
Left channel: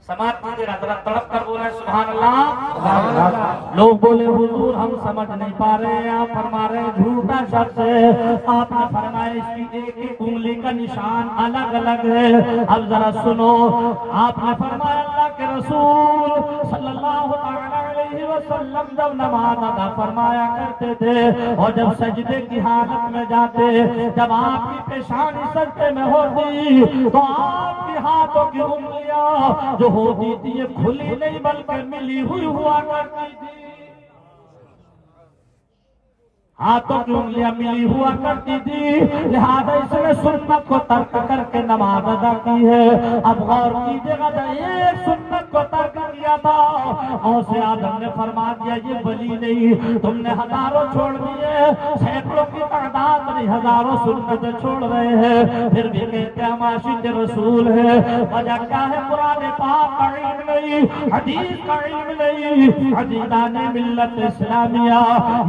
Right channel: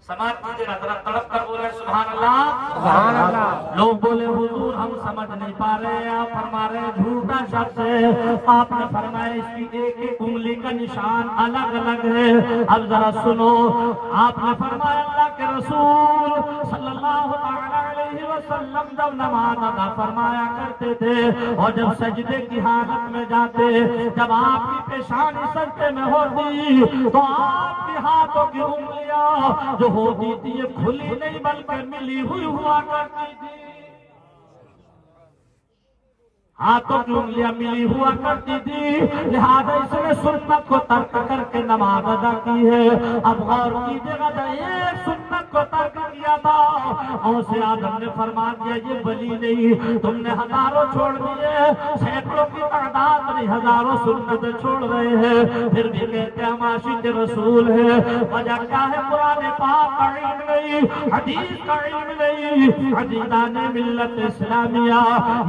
سماعت کیجیے گا، ذرا تڑپ کر بولے سبحان اللہ، سبحان اللہ۔ لوگ بولے حضور ہم سمجھ نہیں پا رہے، آپ فرما رہے ہیں جھوٹا شخص ہے۔ آپ نے فرمایا اس کی ایک ایک انگلی کا نشان الگ الگ ہے۔ اب ذرا سنو، آپ نے فرمایا اللہ کے رسول صلی اللہ علیہ وسلم جب نماز ادا فرمایا کرتے تھے اور جب سجدے کی حالت میں جاتے، جب آپ کی پیشانی سجدے میں ہوتی تو آپ کے ہاتھوں کی انگلیاں جو ہوتی تھی یہ کھلی نہیں بلکہ ملی ہوئی ہوا کرتی تھی، ہاتھوں کی انگلیاں ملی ہوا کرتی تھی، لہذا اس نے سنت کو ترک کر کے نماز ادا کی ہے۔ اب غور کیجیے گا، ایک سنت کو ترک کیا تھا، غوث اعظم نے فرما دیا یہ ولی نہیں، تم نے ہزاروں چھوڑ دیے، سینکڑوں کی تعداد نہیں، ہزاروں سنتیں چھوڑ رہے ہیں، پھر بھی کہتے ہم عاشق رسول ہیں۔ وجہ کیا ہے؟ قرآن پاک کا علم نہیں، حدیث کا علم نہیں، عزیزان ملت اسلامیہ،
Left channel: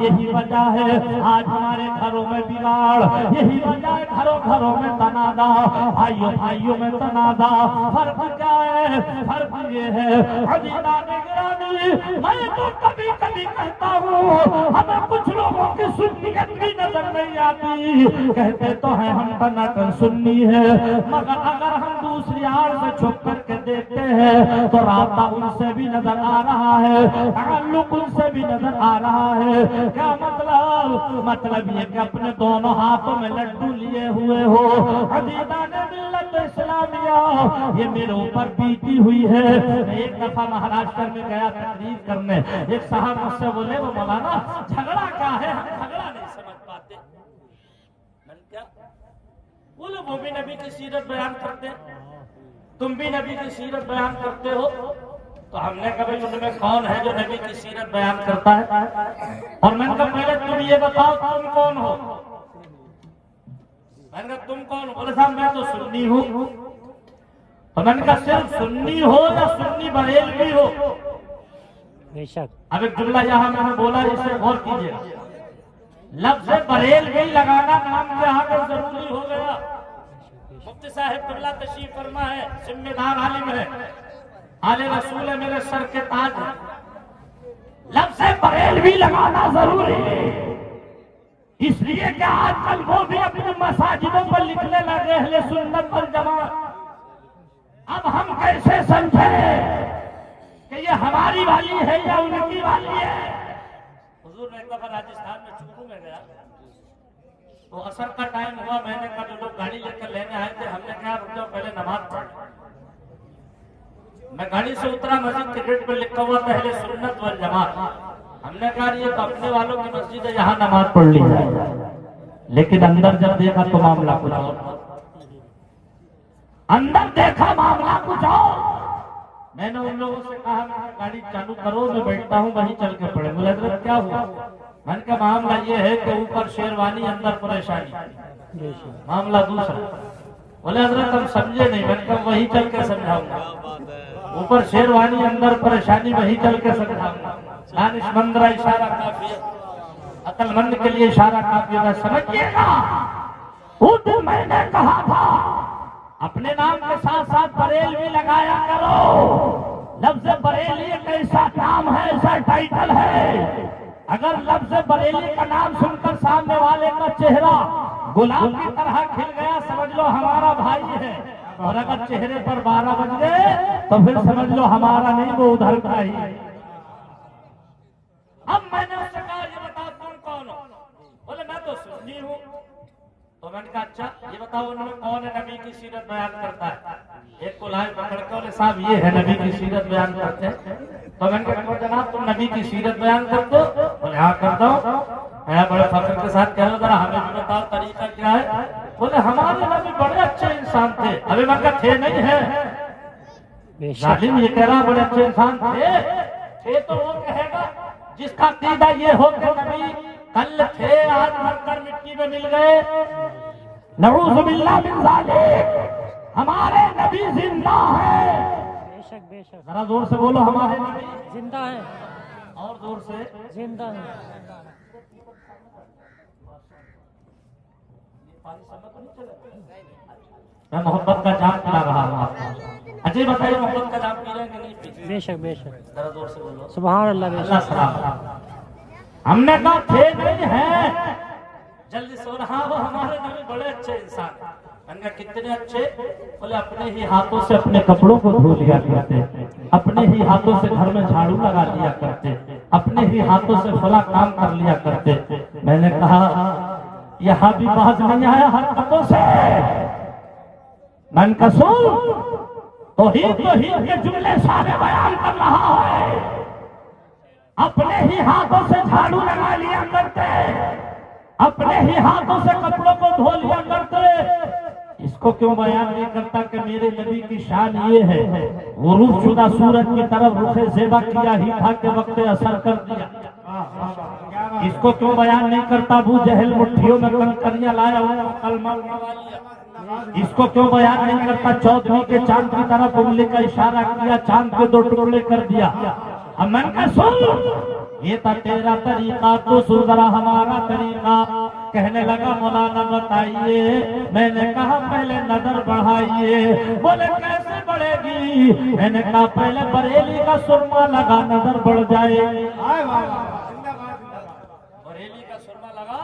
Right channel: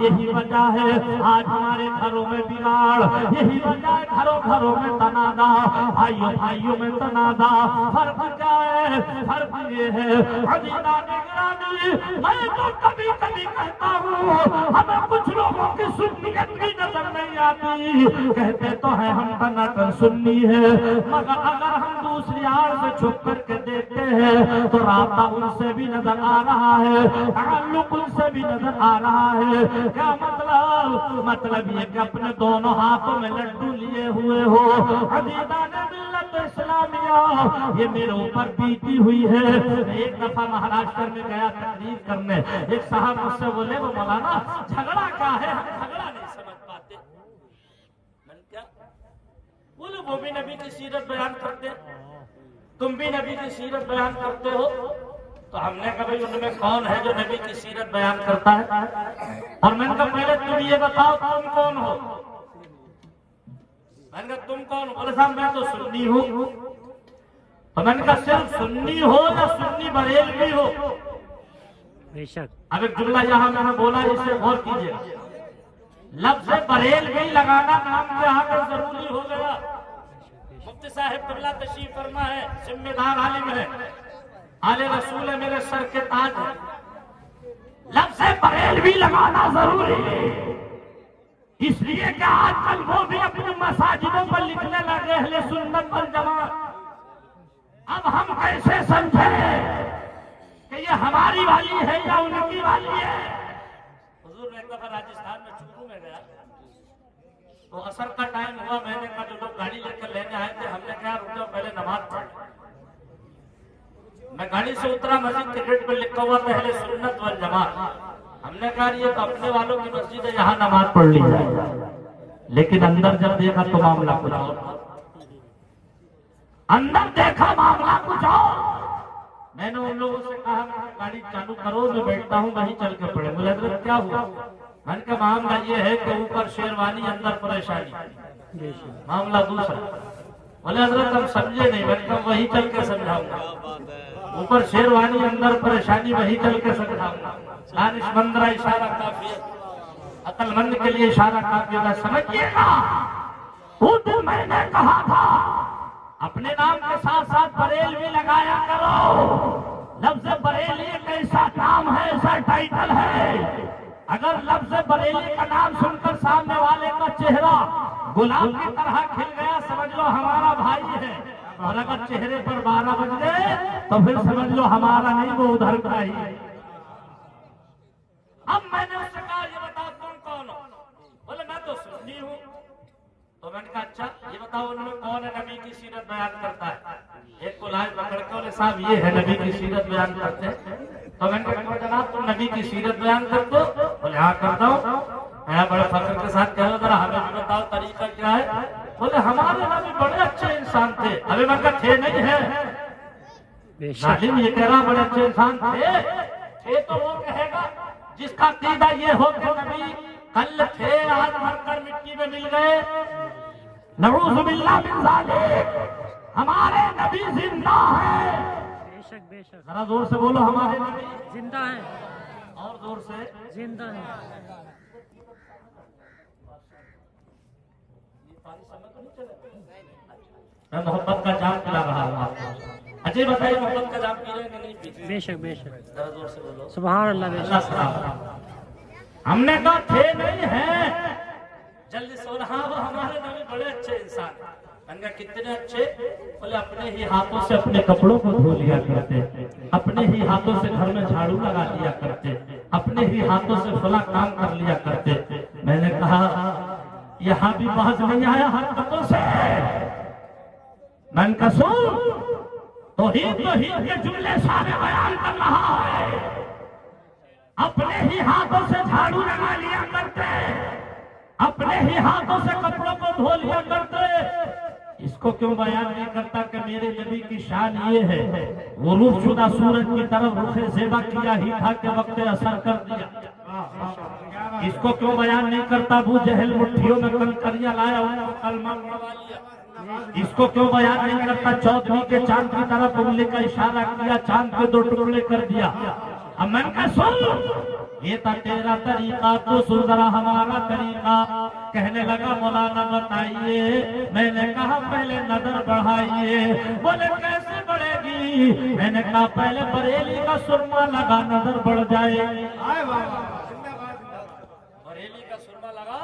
یہی وجہ ہے آج ہمارے گھروں میں بگاڑ، یہی وجہ ہے گھروں میں تنازع، بھائیوں میں تنازع۔ فرق کیا ہے؟ فرق یہ ہے عزیزان گرامی، میں تو کبھی کبھی کہتا ہوں ہمیں کچھ لوگوں کی سنیت بھی نظر نہیں آتی، کہتے تو ہیں ہم ٹناٹن سنی ہے، مگر اگر ہم دوسری آڑ سے چھپ کر کے دیکھتے ہیں تو رابطہ ان سے بھی نظر آ رہا ہے، تعلق ان سے بھی نظر آ رہا ہے۔ کیا مطلب یہ کہ اپنے دونوں ہاتھوں میں لڈو لیے ہوئے ہو۔ عزیزان ملت اسلامیہ، یہ میرے اوپر بیتی ہوئی ہے۔ ایک دفعہ مہاراشٹر میں گیا تقریر کرنے، ایک صاحب مجھ سے بولے وہ مولانا جھگڑا کیا ہے؟ ہم جھگڑا نہیں سمجھ پاتے۔ میں نے کیا بولے؟ وہ بھی نبی کی سیرت بیان کرتے، تم بھی نبی کی سیرت بیان کرتے ہو، تو ہم نے کہا بھائی ان میں کون ہے جو نبی کی سیرت بیان کرتا ہے؟ اور میں نے کہا پہلے تم یہ بتاؤ تم کون ہو؟ میں نے کہا تم کون ہو؟ بولے صاحب میں تو سنی ہوں. تو میں نے کہا صرف سنی ہو یا سنی بریلوی ہو؟ بے شک. اب ایک جملہ یہاں میں نے بولا اسے غور کیجیے. لفظ بریلوی لگانا نام کے آگے ضروری ہو گیا. مفتی صاحب قبلہ تشریف فرما ہے، ذمہ دار عالم ہے، آل رسول ہے، میرے سر کے تاج ہے. لفظ بریلوی لگانا ضروری ہے اس لیے کہ آج کل وہ بھی اپنی مساجدوں پر لکھنے لگے اہل سنت والجماعت. اب ہم کیسے سمجھیں کہ یہ ہماری والی ہے یا ان کی والی ہے؟ حضور نے ایک دفعہ راجستھان میں چورو میں گیا تو عصر کا ٹائم ہوا. میں نے کہا جو لوگ گاڑی لے کر لینے آئے تھے ہم نے کہا رک جاؤ پہلے نماز پڑھ. میں گاڑی سے اترا، مسجد کے گیٹ پہ لکھا ہوا تھا اہل سنت والجماعت. ہم نے کہا یہ تو اپنے والوں کی مسجد ہے، یہاں نماز پڑھ لی جائے. لیکن اندر جب دیکھا تو معاملہ کچھ اور. اندر دیکھا معاملہ کچھ اور. میں نے ان لوگوں سے کہا گاڑی چالو کرو، میں بیٹھتا ہوں وہیں چل کے پڑے. بولے حضرت کیا ہوا؟ میں نے کہا معاملہ یہ ہے کہ اوپر شیروانی اندر پریشانی. معاملہ دوسرا. بولے حضرت ہم سمجھے نہیں. میں نے کہا وہیں چل کے سمجھاؤں گا. اوپر شیروانی اندر پریشانی وہیں چل کے سمجھاؤں گا. دانش مندرا اشارہ کافی ہے، عقل مند کے لیے اشارہ کافی ہے. سمجھیے گا اس دن میں نے کہا تھا اپنے نام کے ساتھ ساتھ بریلوی لگایا کرو. لفظ بریلی ایک ایسا نام ہے، ایسا ٹائٹل ہے، اگر لفظ بریلی کا نام سن کر سامنے والے کا چہرہ گلاب کی طرح کھل گیا سمجھ لو ہمارا بھائی ہے، اور اگر چہرے پر 12 بج گئے تو پھر سمجھ لو ہمارا نہیں وہ ادھر کا ہی. اب میں نے اس سے کہا یہ بتاؤ تم کون ہو؟ بولے میں تو سنی ہوں. تو میں نے کہا اچھا یہ بتاؤ انہوں نے کون ہے نبی کی سیرت بیان کرتا ہے؟ ایک کو لائے پکڑ کے بولے صاحب یہ ہے نبی کی سیرت بیان کرتے ہیں. تو میں نے کہا جناب تم نبی کی سیرت بیان کرتے ہو؟ بولے ہاں کرتا ہوں. میں بڑے فخر کے ساتھ کہہ رہا ذرا ہمیں بھی بتاؤ طریقہ کیا ہے. بولے ہمارے نبی بڑے اچھے انسان تھے. ابھی میں کہا تھے نہیں ہے، ظالم یہ کہہ رہا بڑے اچھے انسان تھے تو وہ کہے گا جس کا عقیدہ یہ ہو کہ نبی کل تھے آج مر کر مٹی میں مل گئے. نعوذ باللہ من ذالک. ہمارے نبی زندہ ہیں. بے شک بے شک. ذرا زور سے بولو ہمارے نبی زندہ ہے. اور زور سے زندہ ہے. میں محبت کا جام پلا رہا ہوں آپ کو. اچھا بتائیے محبت کا جام پی رہے ہیں کہ نہیں پی؟ بے شک بے شک. ذرا زور سے بولو سبحان اللہ. بے اللہ شک. سلام. ہم نے کہا تھے نہیں ہیں. جلدی سو رہا وہ ہمارے نبی بڑے اچھے انسان. میں نے کہا کتنے اچھے؟ بولے اپنے ہی ہاتھوں سے اپنے کپڑوں کو دھو لیا کرتے، اپنے ہی ہاتھوں سے گھر میں جھاڑو لگا لیا کرتے، اپنے ہی ہاتھوں سے فلاں کام کر لیا کرتے. میں نے کہا یہاں بھی باز نہیں آیا حرکتوں سے. میں نے کہا سن توحید کے جملے سارے بیان کر رہا ہے. اپنے ہی ہاتھوں سے جھاڑو لگا لیا کرتے، اپنے ہی ہاتھوں سے کپڑوں کو دھو لیا کرتے. اس کو کیوں بیان نہیں کرتا کہ میرے نبی کی شان یہ ہے غروب شدہ سورج کی طرف رخ زیبا کیا ہی تھا کہ وقت اثر کر دیا. اس کو کیوں بیان نہیں کرتا ابو جہل مٹھیوں میں کنکریاں لایا کلمہ. اس کو کیوں بیان نہیں کرتا چودھویں کے چاند کی طرف انگلی کا اشارہ کیا، چاند کے 2 ٹکڑے کر دیا. اب میں نے کہا سن یہ تھا تیرا طریقہ تو سن ذرا ہمارا طریقہ. کہنے لگا مولانا بتائیے. میں نے کہا پہلے نظر بڑھائیے. بولے کیسے بڑھے گی؟ میں نے کہا پہلے بریلی کا سرما لگا نظر بڑھ جائے. بریلی کا سرما لگا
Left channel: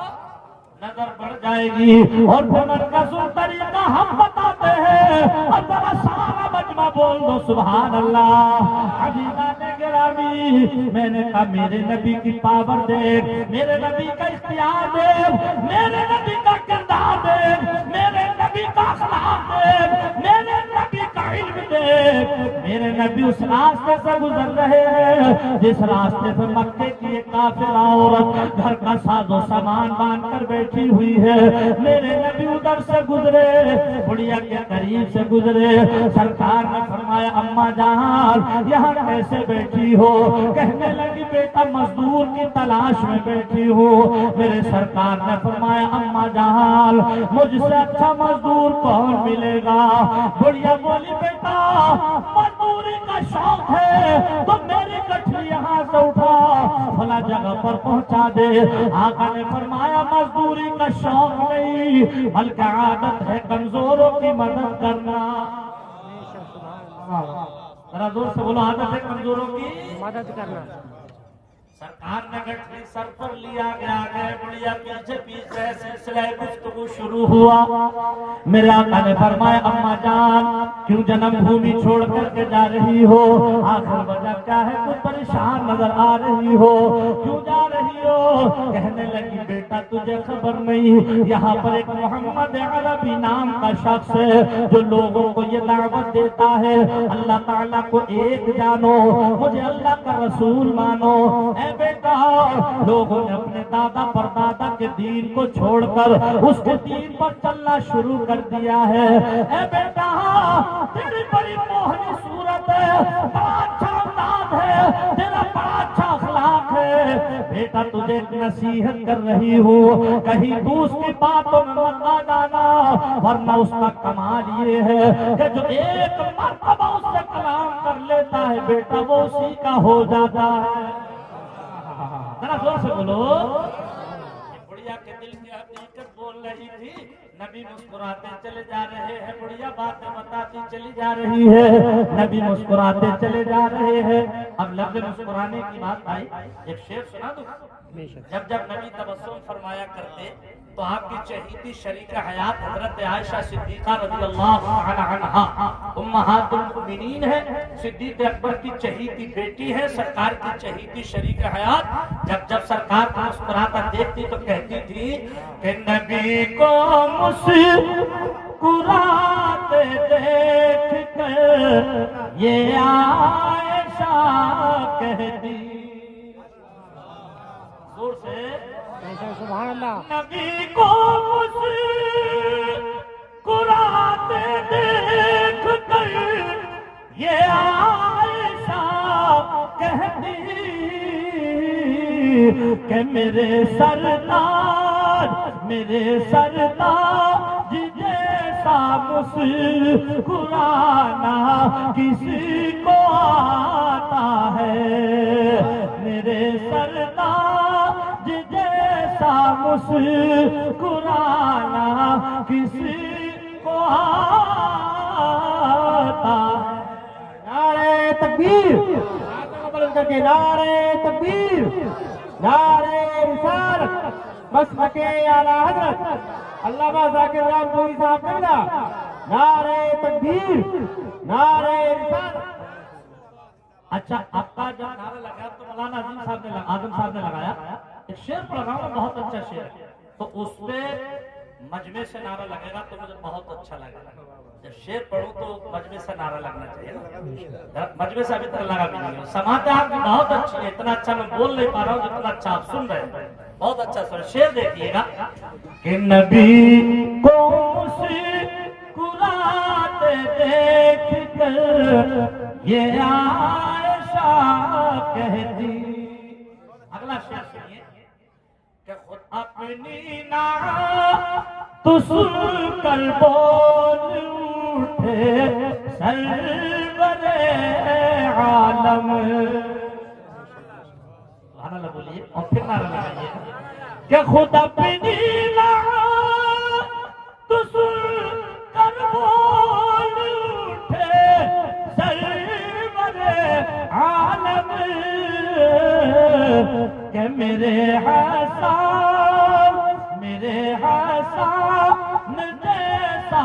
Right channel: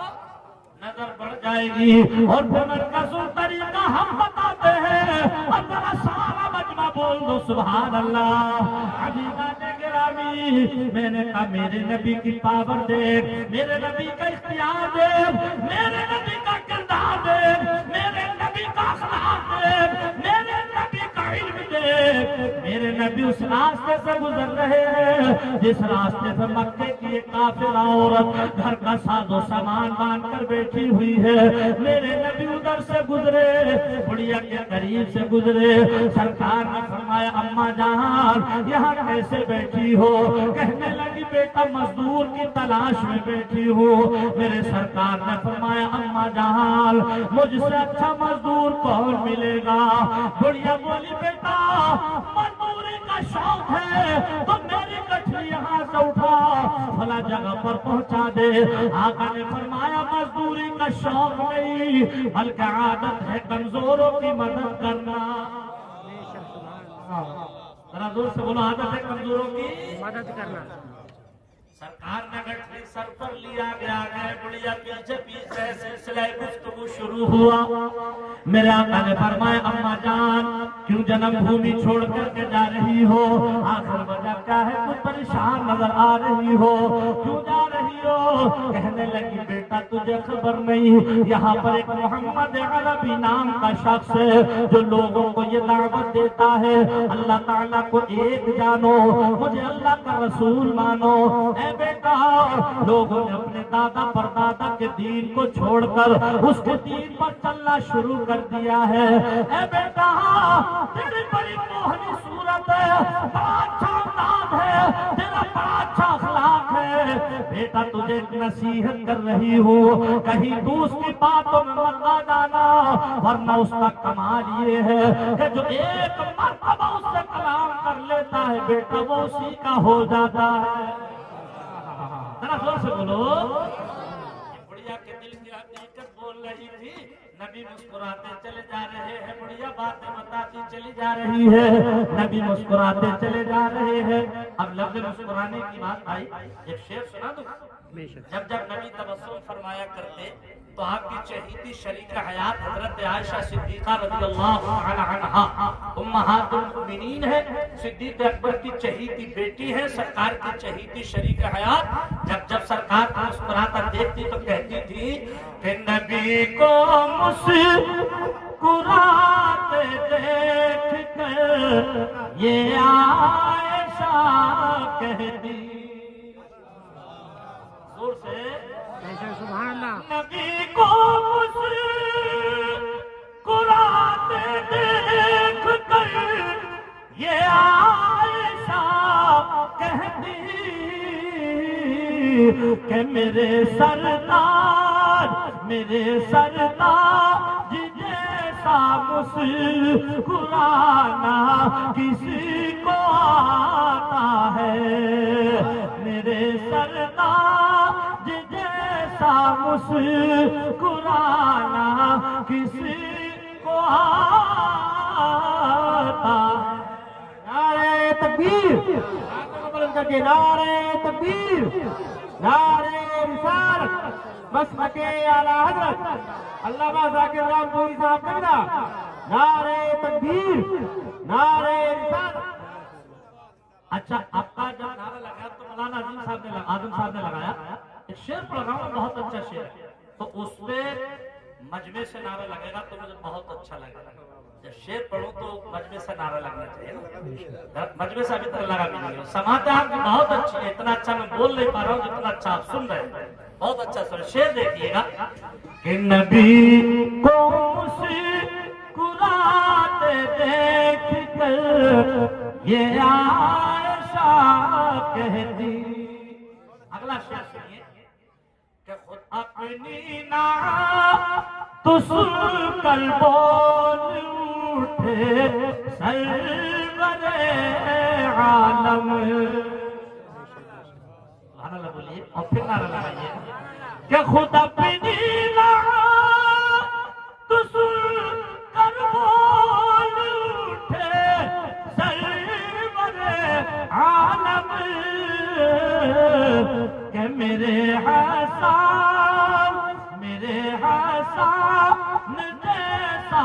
نظر بڑھ جائے گی. اور مرکزی طریقہ ہم بتاتے ہیں. اور ذرا سارا مجمع بول دو سبحان اللہ. حبیبان گرامی میں نے کہا میرے نبی کی پاور دیکھ، میرے نبی کا اختیار دیکھ، میرے نبی کا کردار دیکھ، میرے نبی کا اخلاق دیکھ، میرے نبی کا علم دیکھ. میرے نبی اس راستے سے گزر رہے ہیں جس راستے سے مکے کی ایک کافرہ عورت گھر کا ساز و سامان باندھ کر بیٹھی ہوئی ہے. میرے نبی ادھر سے گزرے، بڑھیا کے قریب سے گزرے. سرکار نے فرمایا اماں جان یہاں کیسے بیٹھی ہو؟ کہنے لگی بیٹا مزدور کی تلاش میں بیٹھی ہوں. میرے سرکار نے فرمایا اما جان مجھ سے اچھا مزدور کون ملے گا؟ بڑھیا بولی بیٹا مزدوری کا شوق ہے تو میری گٹھلی یہاں سے اٹھا فلاں جگہ پر پہنچا دے. آقا نے فرمایا مزدوری کا شوق نہیں بلکہ عادت ہے کمزوروں کی مدد کرنا. ذرا زور سے بولو عادت ہے کمزوروں کی مدد کرنا. سرکار نے گٹھلی سر پر لیا گیا گئے بڑھیا پیچھے پیچھے سلسلہ گفتگو شروع ہوا. میرے آقا نے فرمایا اما جان کیوں جنم بھومی چھوڑ کر کے جا رہی ہو؟ آخر وجہ کیا ہے؟ کچھ پریشان نظر آ رہی ہو، کیوں جا رہی ہو؟ کہنے لگی بیٹا تجھے خبر نہیں یہاں پر ایک محمد عربی نام کا شخص ہے جو لوگوں کو یہ دعوت دیتا ہے اللہ تعالیٰ کو ایک جانو، مجھے اللہ کا رسول مانو. اے بیٹا لوگوں نے اپنے دادا پردادا کے دین کو چھوڑ کر اس کے دین پر چلنا شروع کر دیا ہے. اے بیٹا تیری بڑی موہنی صورت ہے، بڑا اچھا انداز ہے، تیرا بڑا اچھا اخلاق ہے. بیٹا تجھے ایک نصیحت کر رہی ہوں کہیں تو اس کی باتوں میں مت آ جانا، ورنہ اس کا کمال یہ ہے کہ جو ایک مرتبہ اس سے کلام کر لیتا ہے بیٹا وہ اسی کا ہو جاتا ہے. ذرا زور سے بولو. بڑھیا کے دل کی حقیقت بول رہی تھی. نبی مسکراتے چلے جا رہے ہیں، بڑھیا باتیں بتاتی چلی جا رہی ہے. نبی مسکراتے چلے جا رہے ہیں. اب لفظ مسکرانے کی بات آئی، ایک شعر سنا دو. جب جب نبی تبسم فرمایا کرتے تو آپ کی چہیتی شریک حیات حضرت عائشہ صدیقہ رضی اللہ تعالی عنہا امہات المؤمنین ہے، صدیق اکبر کی چہیتی بیٹی ہے، سرکار کی چہیتی شریک حیات. جب جب سرکار کو مسکراتا دیکھتی تو کہتی تھی کہ نبی کو مسکراتے دیکھ کر یہ عائشہ کہتی. زور سے سبحان اللہ. نبی کو مسکراتے دیکھ کر یہ عائشہ کہتی کہ میرے سردار جیسا مسکرانا کسی کو آتا ہے. میرے سردار جیسا مسکرانا کسی کو آتا ہے. نعرہ تکبیر، بلند کر کے نعرہ تکبیر، نعرہ رسالت، مسلک اعلیٰ حضرت علامہ ذاکر رام پوری صاحب قبلہ. نعرہ تکبیر، نعرہ رسالت. اچھا آپ کا جب نعرہ لگایا تو مولانا اعظم صاحب نے لگایا ایک شعر پڑھ رہا ہوں، بہت اچھا شعر ہے، تو اس پہ مجمع سے نعرہ لگے گا تو مجھے بہت اچھا لگے گا. جب شعر پڑھوں تو مجمع سے نعرہ لگنا چاہیے نا. مجمع سے ابھی تک لگا بھی نہیں. سماعت آپ کی بہت اچھی ہے، اتنا اچھا میں بول نہیں پا رہا ہوں جتنا اچھا آپ سن رہے ہیں. بہت اچھا سر شعر دیکھیے گا کہ نبی کو مسکراتے دیکھ کر یہ عائشہ کہتی. اگلا شعر سنیے کہ خود اپنی نعت تو سن کر بول اٹھے سرور عالم. سبحان اللہ بولیے اور پھر نعرہ لگائیے کہ خود اپنی نعت تو سن کر بول اٹھے سرور عالم کہ میرے حسان جیسا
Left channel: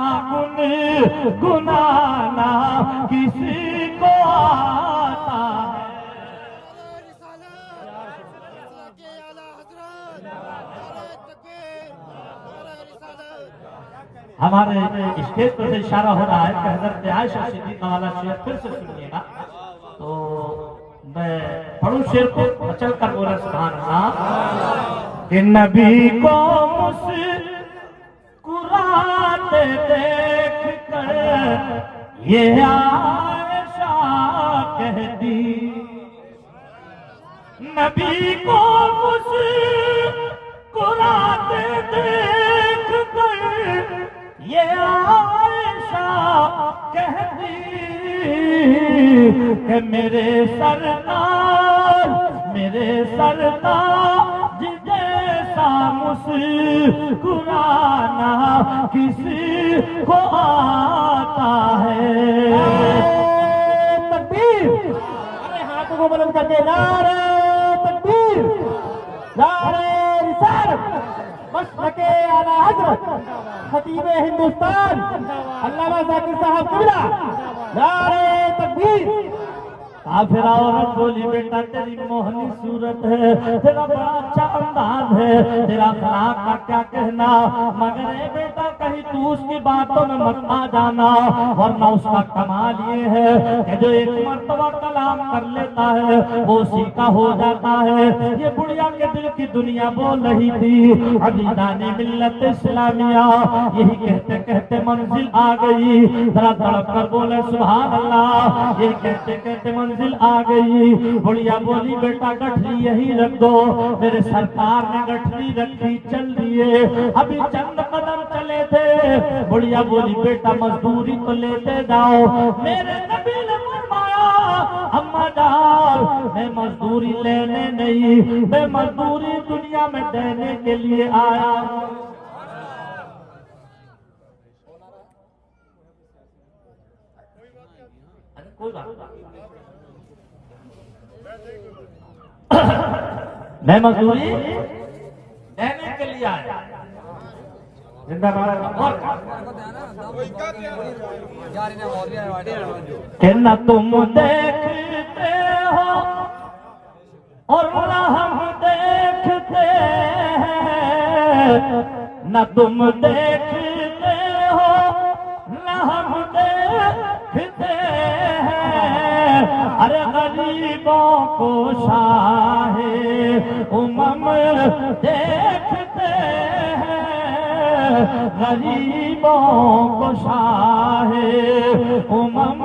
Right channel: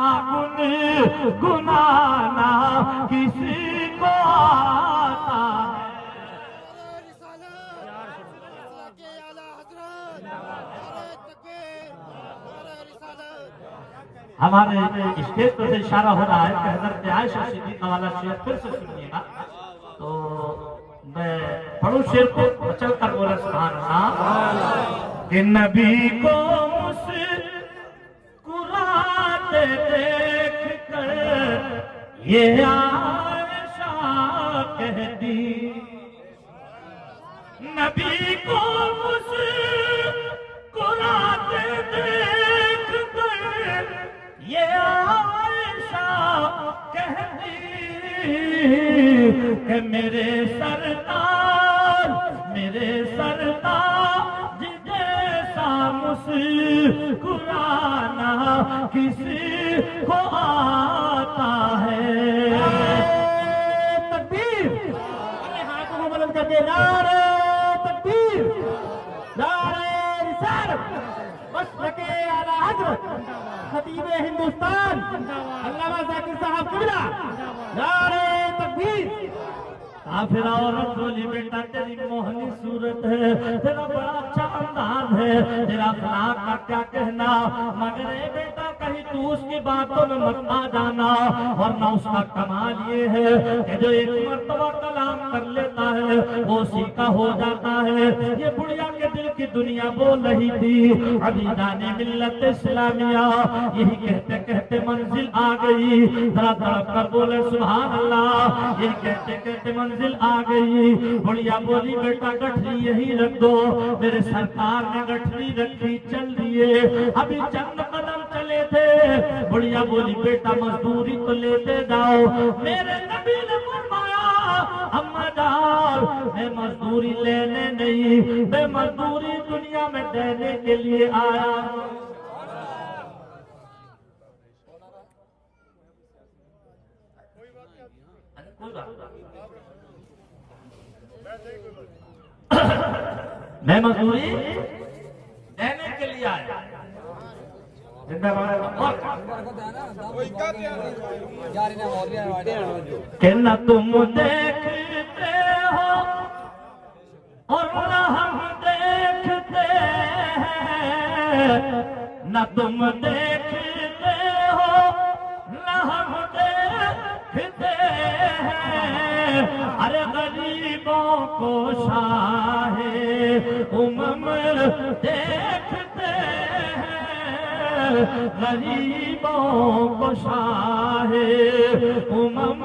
گنانا کسی کو آتا ہے. ہمارے اسٹیج پر سے اشارہ ہو رہا ہے کہ حضرت عائشہ صدیقہ والا شعر پھر سے سنیے گا. تو میں پڑھوں شعر کو چل کر بولا سبحان اللہ کہ نبی کو مسکراتے دیکھ کر یہ عائشہ کہتی. نبی کو مسکراتے دیکھ کر یہ عائشہ کہتی کہ میرے سردار جیسا مسکرانا کسی کو آتا ہے. تکبیر! اپنے ہاتھوں کو بلند کر کے نعرہ تکبیر، نعرہ رسالت، مشرق اعلی حضرت خطیب ہندوستان علامہ ذاکر صاحب قبلہ، نعرہ تکبیر. کافر عورت بولی بیٹا تیری موہنی صورت ہے، تیرا بڑا اچھا انداز ہے، تیرا اخلاق کا کیا کہنا، مگر اے بیٹا کہیں تو اس کی باتوں میں مت آ جانا، ورنہ اس کا کمال یہ ہے کہ جو ایک مرتبہ کلام کر لیتا ہے وہ اسی کا ہو جاتا ہے. یہ بڑھیا کے دل کی دنیا بول رہی تھی. عزیزان ملت اسلامیہ یہی کہتے کہتے منزل آ گئی. ذرا تڑپ کر بولے سبحان اللہ. یہ کہتے کہتے منزل آ گئی. بڑھیا بولی بیٹا گٹھری یہی رکھ دو. میرے سرکار نے گٹھری رکھی، چل دیے. ابھی چند قدم چلے تھے، بڑھیا بولی بیٹا مزدوری تو لیتے جاؤ. میرے نبی نے فرمایا اما جان میں مزدوری لینے نہیں، میں مزدوری دنیا میں دینے کے لیے آیا. کوئی بات میں مزدوری دینے کے لیے آیا. کہ نہ تم دیکھتے ہو اور نہ ہم دیکھتے ہیں، نہ تم دیکھتے ہو نہ ہم دیکھتے ہیں. ارے غریبوں کو شاہ امم دیکھتے ہیں، غریبوں کو شاہ امم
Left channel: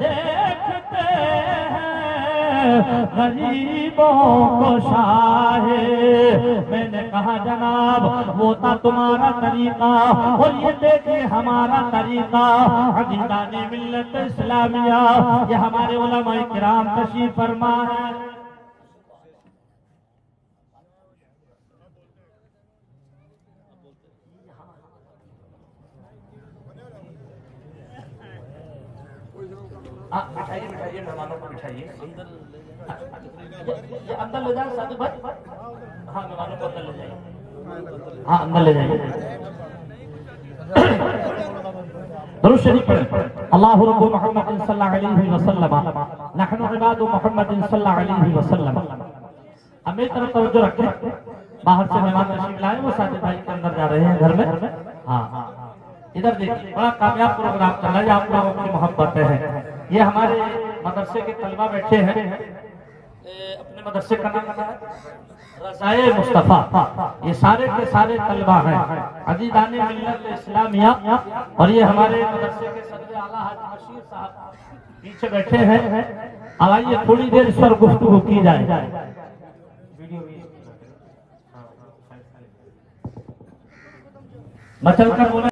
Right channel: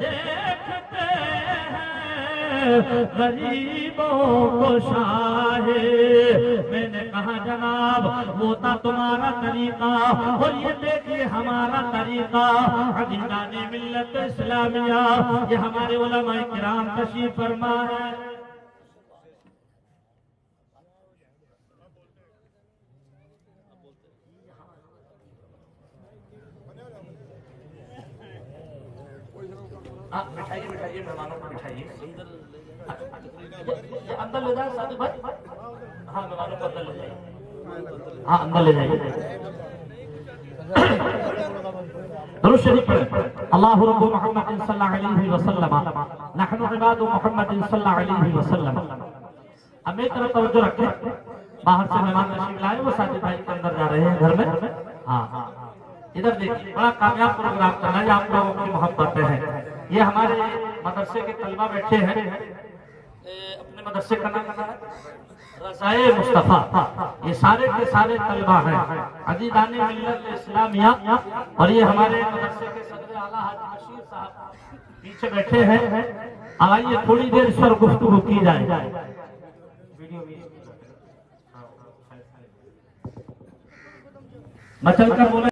دیکھتے ہیں، غریبوں کو شاہ. میں نے کہا جناب وہ تھا تمہارا طریقہ اور یہ دیکھیے ہمارا طریقہ. عزیزان ملت اسلامیہ یہ ہمارے علماء کرام تشریف فرما ہے. بٹھائیے بٹھائیے مہمانوں کو بٹھائیے. اندر لے جائیں صادق بھائی. ہاں مہمانوں کو اندر لے جائیے. ہاں اندر لے جائیے. درود شریف پڑھیں. اللہ رب محمد صلی اللہ علیہ وسلم نحن عباد محمد صلی اللہ علیہ وسلم. اب میری طرف توجہ رکھیں. باہر سے مہمان تشریف لائے، وہ صادق بھائی کے اندر جا رہے ہیں گھر میں. ہاں ادھر دیکھیے بڑا کامیاب پروگرام چل رہا ہے. آپ لوگوں کی محبت ہے. یہ ہمارے مدرسے کے طلبہ بیٹھے ہیں. اپنے مدرسے کا نام ہے رضائے مصطفیٰ. یہ سارے کے سارے طلبہ ہیں عزیزان ملت اسلامیہ. اور یہ ہمارے مدرسے کے صدر اعلیٰ حاجی بشیر صاحب پیچھے بیٹھے ہیں. آئیے تھوڑی دیر اس پر گفتگو کی جائے. میں چل کر بولا